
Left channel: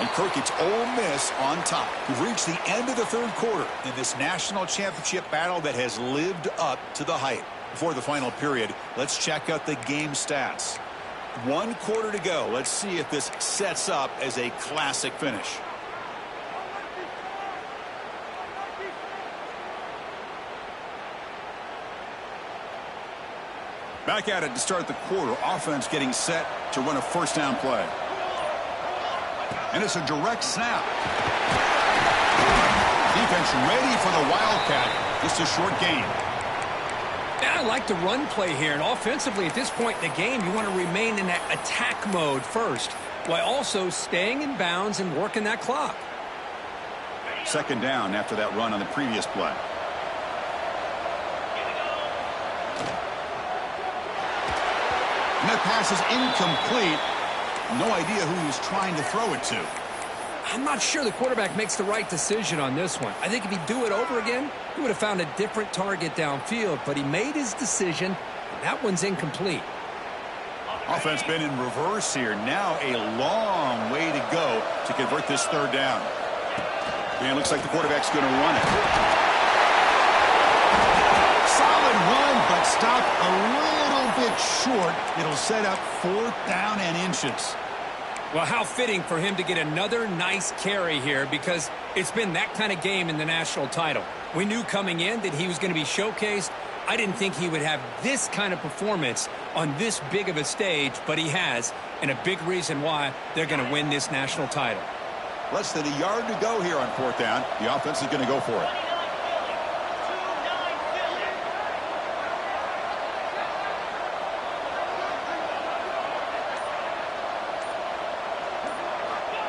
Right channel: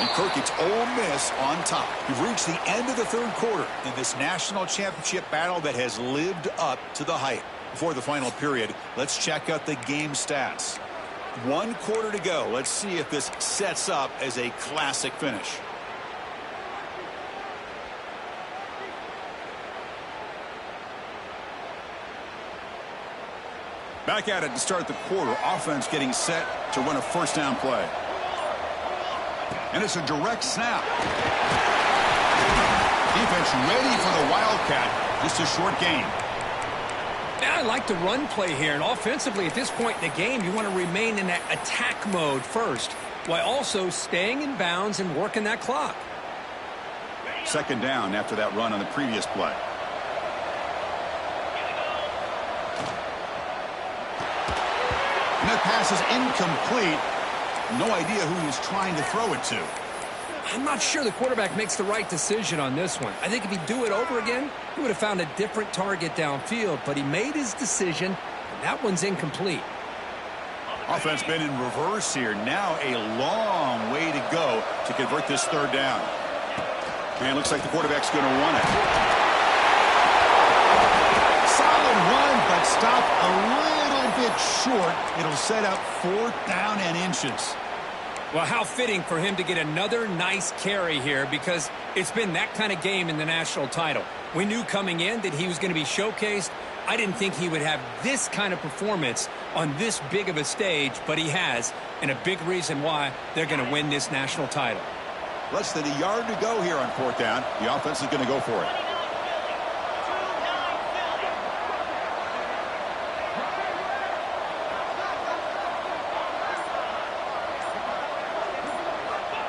And Kirk, it's Ole Miss on top. We've reached the end of the 3rd quarter in this national championship battle that has lived up to the hype. Before the final period, let's check out the game stats. 1 quarter to go. Let's see if this sets up as a classic finish. Back at it to start the quarter. Offense getting set to run a 1st down play. And it's a direct snap. Defense ready for the Wildcat. Just a short gain. Yeah, I like the run play here. And offensively, at this point in the game, you want to remain in that attack mode first, while also staying in bounds and working that clock. 2nd down after that run on the previous play. And that pass is incomplete. No idea who he was trying to throw it to. I'm not sure the quarterback makes the right decision on this one. I think if he'd do it over again, he would have found a different target downfield, but he made his decision, and that one's incomplete. Offense been in reverse here. Now a long way to go to convert this 3rd down. And looks like the quarterback's going to run it. Solid run, but stopped a little bit short. It'll set up 4th down and inches. Well, how fitting for him to get another nice carry here, because it's been that kind of game in the national title. We knew coming in that he was going to be showcased. I didn't think he would have this kind of performance on this big of a stage, but he has, and a big reason why they're going to win this national title. Less than a yard to go here on 4th down. The offense is going to go for it.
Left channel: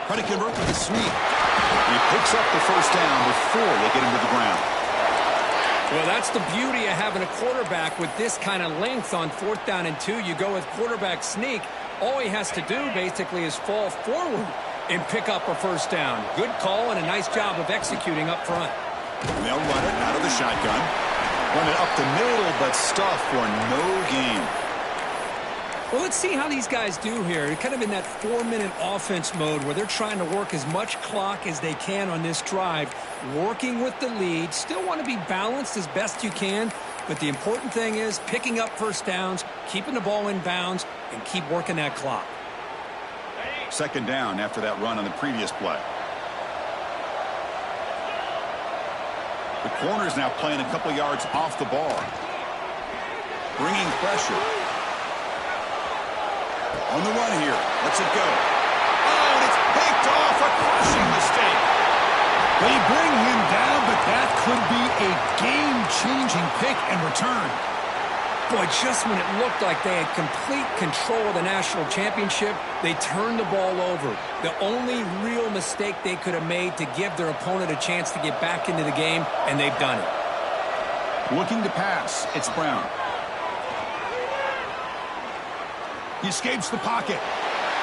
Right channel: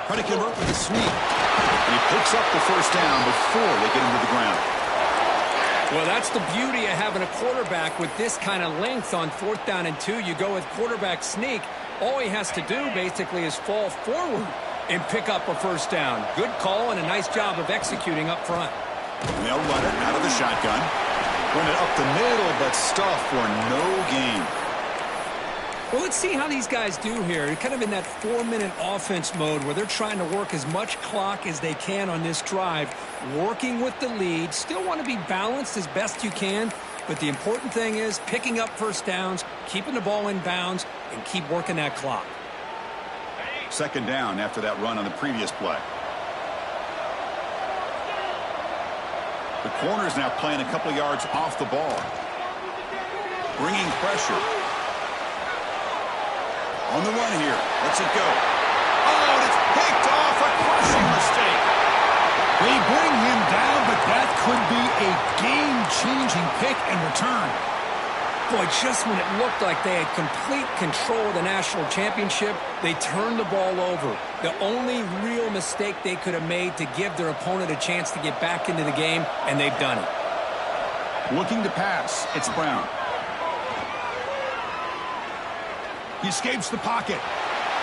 Try to convert with a sweep. And he picks up the 1st down before they get him to the ground. Well, that's the beauty of having a quarterback with this kind of length on 4th down and 2. You go with quarterback sneak. All he has to do basically is fall forward and pick up a 1st down. Good call and a nice job of executing up front. And they'll run it out of the shotgun. Run it up the middle, but stuff for no gain. Well, let's see how these guys do here. They're kind of in that 4-minute offense mode where they're trying to work as much clock as they can on this drive, working with the lead. Still want to be balanced as best you can, but the important thing is picking up 1st downs, keeping the ball in bounds, and keep working that clock. Second down after that run on the previous play. The corner's now playing a couple yards off the ball. Bringing pressure. On the run here. Lets it go. Oh, and it's picked off. A crushing mistake. They bring him down, but that could be a game-changing pick and return. Boy, just when it looked like they had complete control of the national championship, they turned the ball over. The only real mistake they could have made to give their opponent a chance to get back into the game, and they've done it. Looking to pass. It's Brown. He escapes the pocket.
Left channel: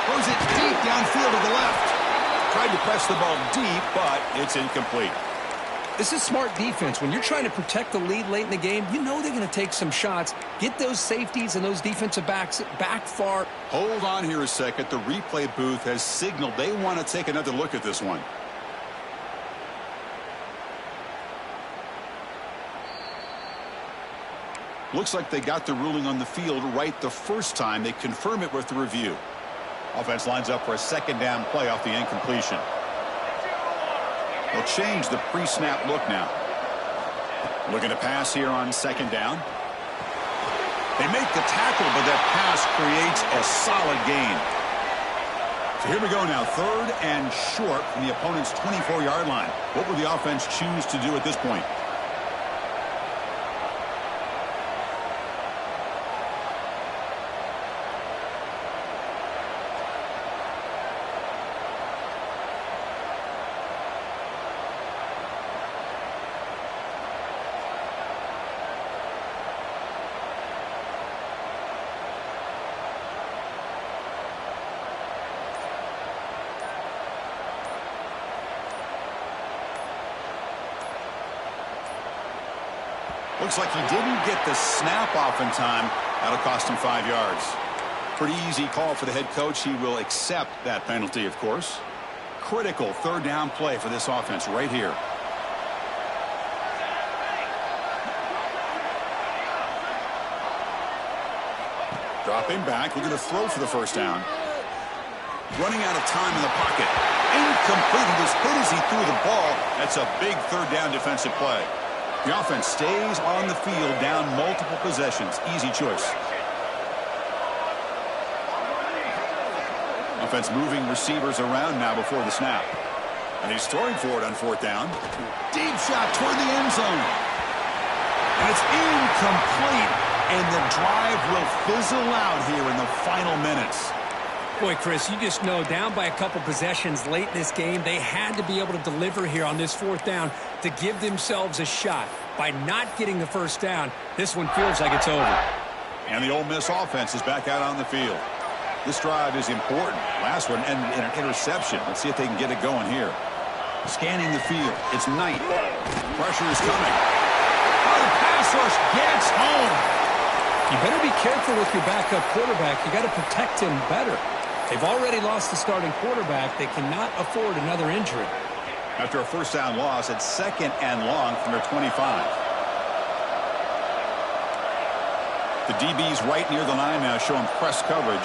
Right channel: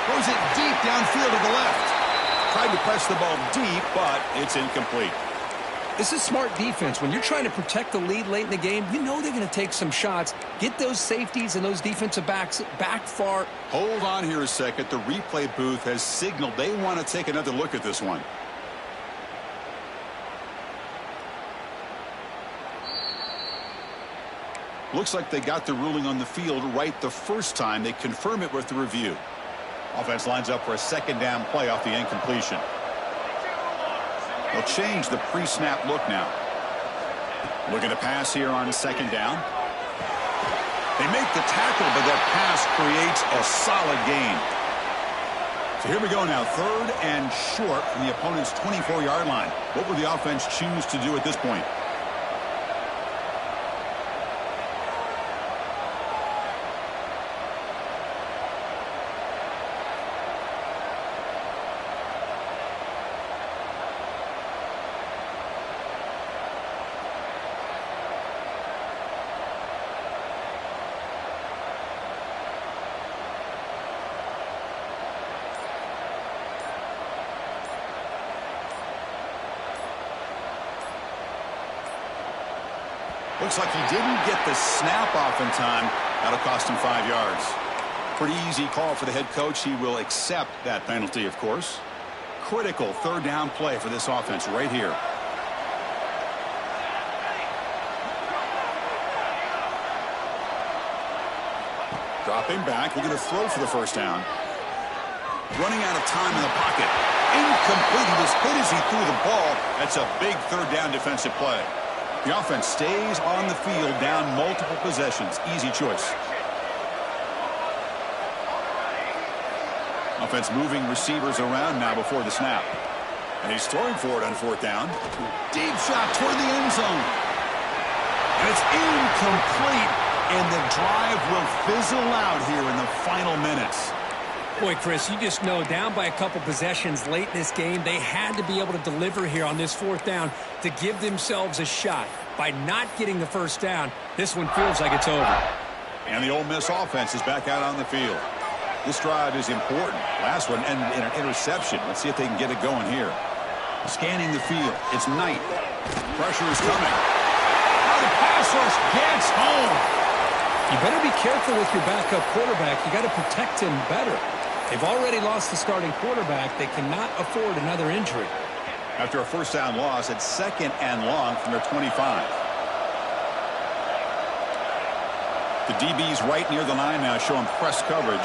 Throws it deep downfield to the left. Tried to press the ball deep, but it's incomplete. This is smart defense. When you're trying to protect the lead late in the game, you know they're going to take some shots. Get those safeties and those defensive backs back far. Hold on here a second. The replay booth has signaled they want to take another look at this one. Looks like they got the ruling on the field right the first time. They confirm it with the review. Offense lines up for a second down play off the incompletion. They'll change the pre-snap look now. Looking to pass here on second down. They make the tackle, but that pass creates a solid gain. So here we go now. Third and short from the opponent's 24-yard line. What will the offense choose to do at this point? Looks like he didn't get the snap off in time. That'll cost him 5 yards. Pretty easy call for the head coach. He will accept that penalty, of course. Critical third down play for this offense right here. Dropping back, looking to throw for the first down. Running out of time in the pocket. Incomplete. He was hit as he threw the ball. That's a big third down defensive play. The offense stays on the field down multiple possessions. Easy choice. Offense moving receivers around now before the snap. And he's throwing for it on fourth down. Deep shot toward the end zone. And it's incomplete. And the drive will fizzle out here in the final minutes. Boy, Chris, you just know down by a couple possessions late in this game, they had to be able to deliver here on this fourth down to give themselves a shot. By not getting the first down, this one feels like it's over. And the Ole Miss offense is back out on the field. This drive is important. Last one and an interception. Let's see if they can get it going here. Scanning the field. It's Knight. Pressure is coming. Oh, the pass rush gets home. You better be careful with your backup quarterback. You got to protect him better. They've already lost the starting quarterback. They cannot afford another injury. After a first down loss, it's second and long from their 25. The DB's right near the line now, showing press coverage.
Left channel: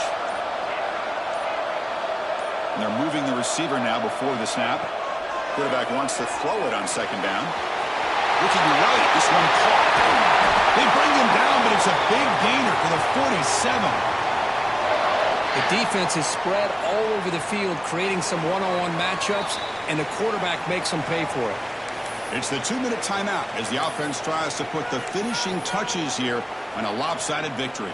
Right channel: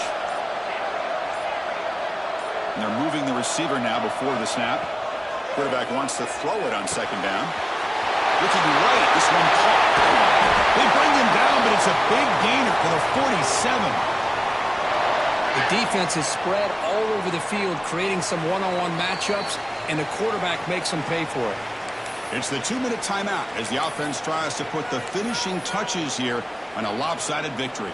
And they're moving the receiver now before the snap. Quarterback wants to throw it on second down. Looking right, this one caught. They bring him down, but it's a big gainer for the 47. The defense is spread all over the field, creating some one-on-one matchups, and the quarterback makes them pay for it. It's the 2-minute timeout as the offense tries to put the finishing touches here on a lopsided victory.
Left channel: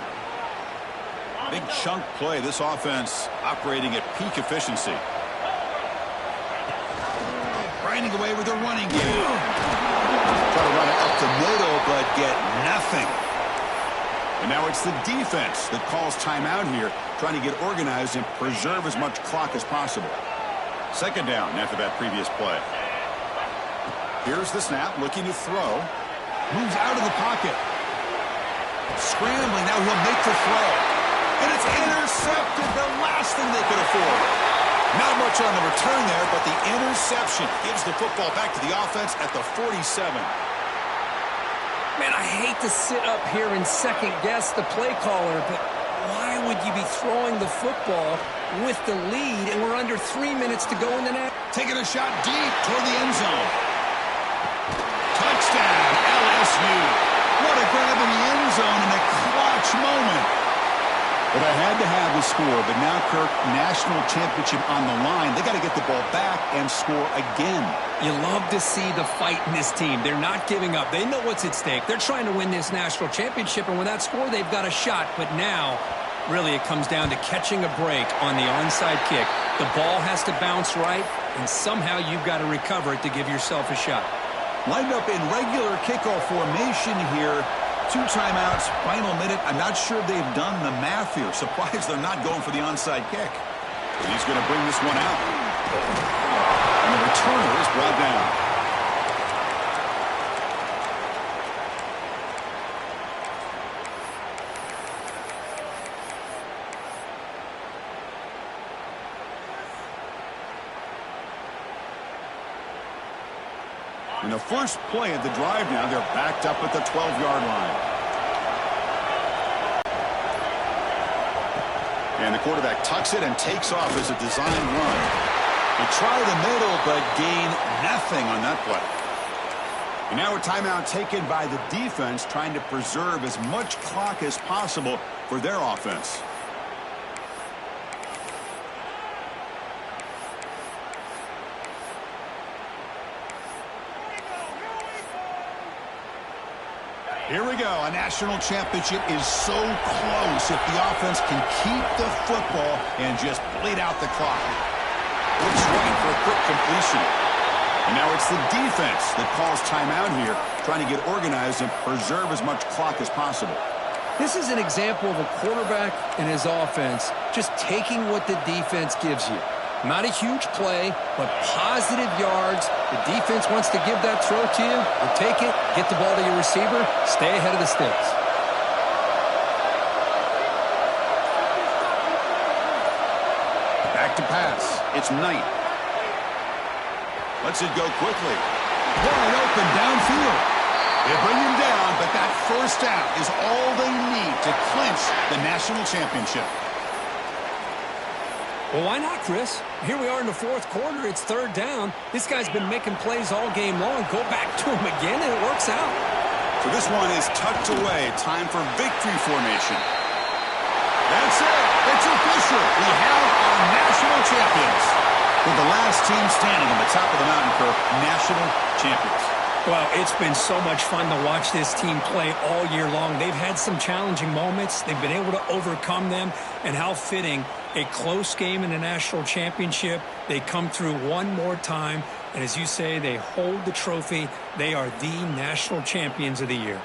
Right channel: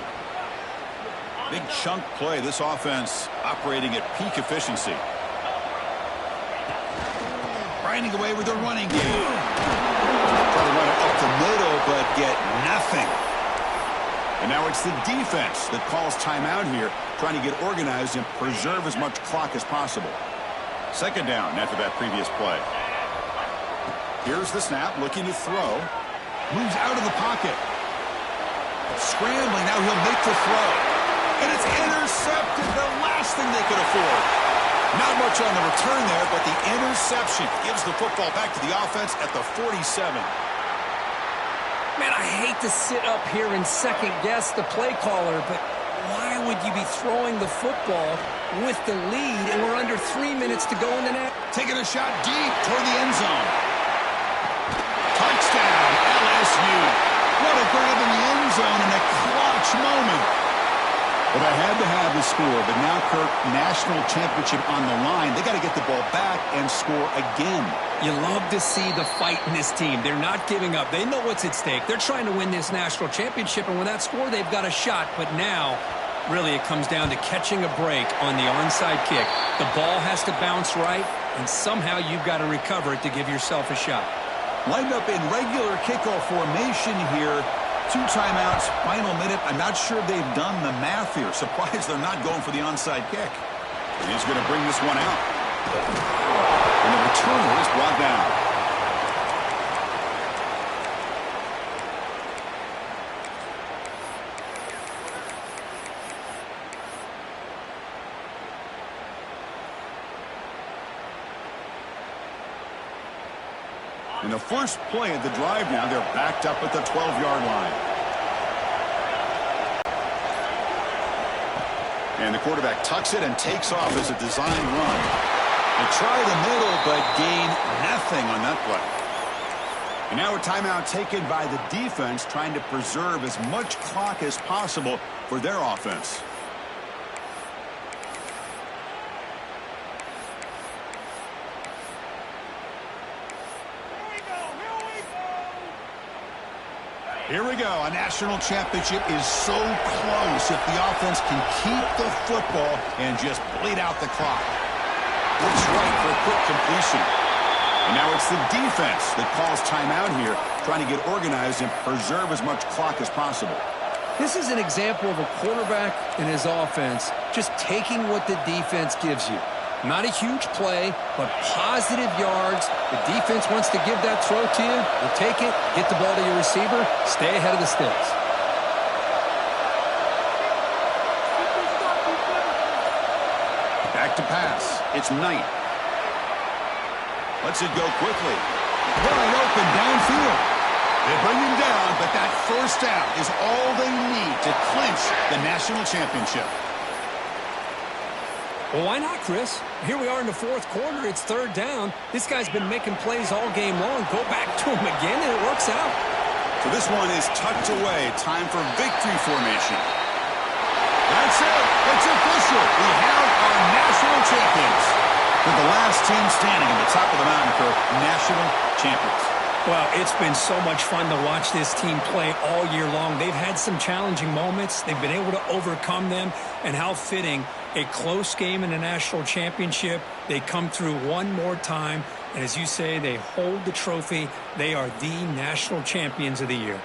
Big chunk play. This offense operating at peak efficiency. Grinding away with their running game. Try to run it up the middle, but get nothing. And now it's the defense that calls timeout here, trying to get organized and preserve as much clock as possible. Second down after that previous play. Here's the snap, looking to throw. Moves out of the pocket. Scrambling, now he'll make the throw. And it's intercepted, the last thing they could afford. Not much on the return there, but the interception gives the football back to the offense at the 47. Man, I hate to sit up here and second-guess the play caller, but why would you be throwing the football with the lead and we're under 3 minutes to go in the net? Taking a shot deep toward the end zone. Touchdown, LSU. What a grab in the end zone in a clutch moment. Well, they had to have the score, but now, Kirk, national championship on the line. They got to get the ball back and score again. You love to see the fight in this team. They're not giving up. They know what's at stake. They're trying to win this national championship, and with that score, they've got a shot. But now, really, it comes down to catching a break on the onside kick. The ball has to bounce right, and somehow you've got to recover it to give yourself a shot. Lined up in regular kickoff formation here. 2 timeouts, final minute. I'm not sure if they've done the math here. Surprised they're not going for the onside kick. And he's going to bring this one out. And the returner is brought down. In the first play of the drive now, they're backed up at the 12-yard line. And the quarterback tucks it and takes off as a design run. They try the middle, but gain nothing on that play. And now a timeout taken by the defense, trying to preserve as much clock as possible for their offense. Here we go. A national championship is so close if the offense can keep the football and just bleed out the clock. Looks right for a quick completion. And now it's the defense that calls timeout here, trying to get organized and preserve as much clock as possible. This is an example of a quarterback and his offense just taking what the defense gives you. Not a huge play, but positive yards. The defense wants to give that throw to you. You take it, get the ball to your receiver, stay ahead of the sticks. Back to pass. It's Knight. Lets it go quickly. Wide open downfield. They bring him down, but that first down is all they need to clinch the national championship. Well, why not, Chris? Here we are in the fourth quarter. It's 3rd down. This guy's been making plays all game long. Go back to him again, and it works out. So this one is tucked away. Time for victory formation. That's it. It's official. We have our national champions. With the last team standing at the top of the mountain, Kirk, national champions. Well, it's been so much fun to watch this team play all year long. They've had some challenging moments. They've been able to overcome them. And how fitting, a close game in a national championship. They come through one more time. And as you say, they hold the trophy. They are the national champions of the year.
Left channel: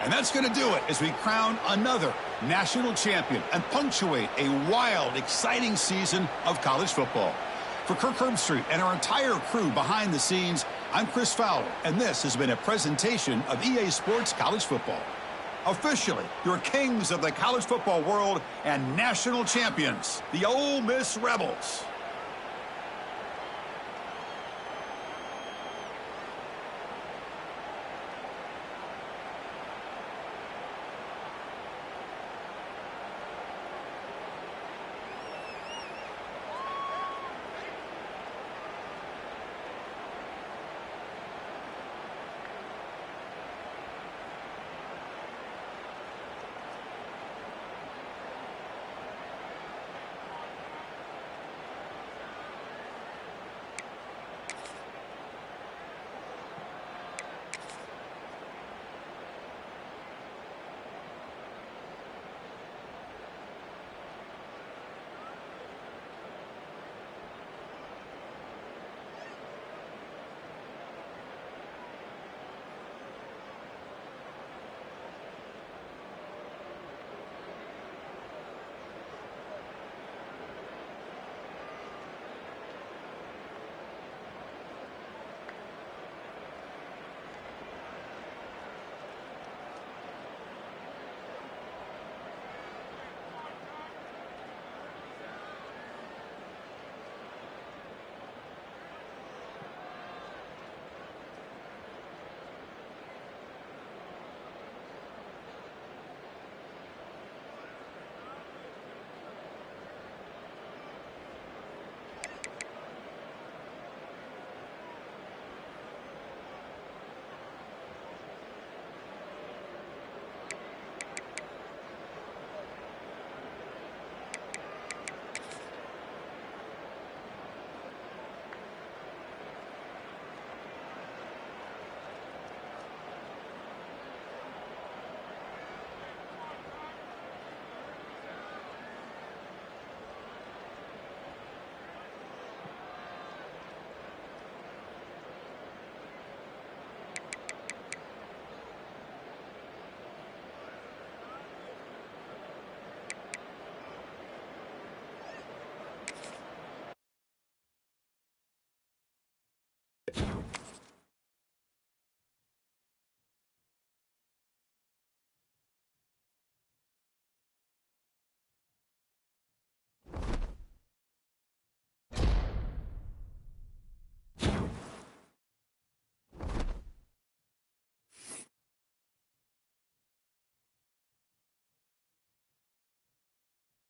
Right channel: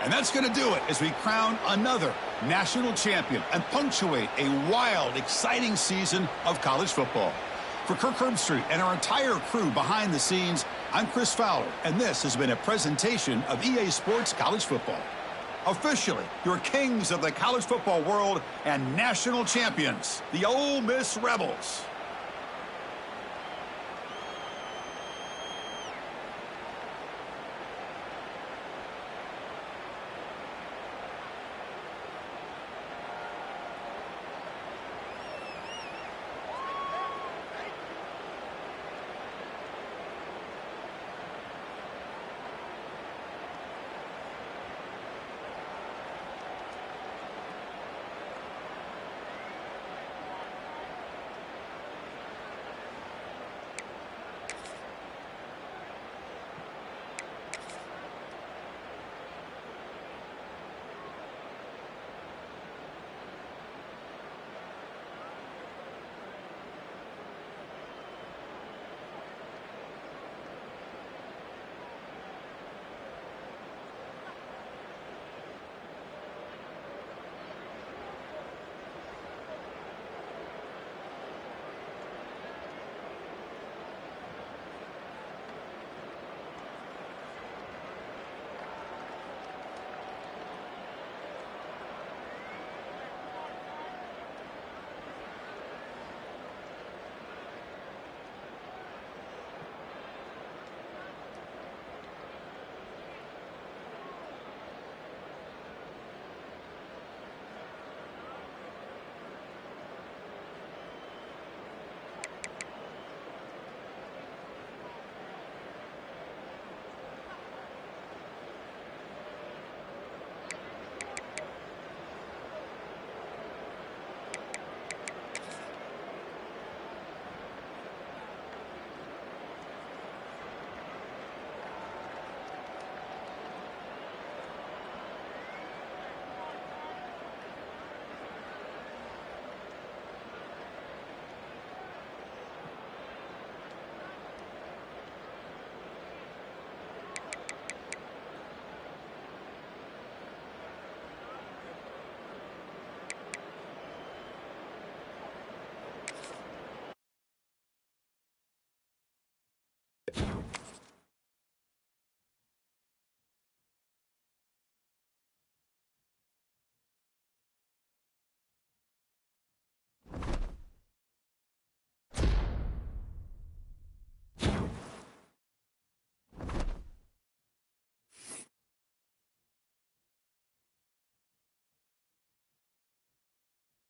And that's going to do it as we crown another national champion and punctuate a wild, exciting season of college football. For Kirk Herbstreit and our entire crew behind the scenes, I'm Chris Fowler, and this has been a presentation of EA Sports College Football. Officially, your kings of the college football world and national champions, the Ole Miss Rebels.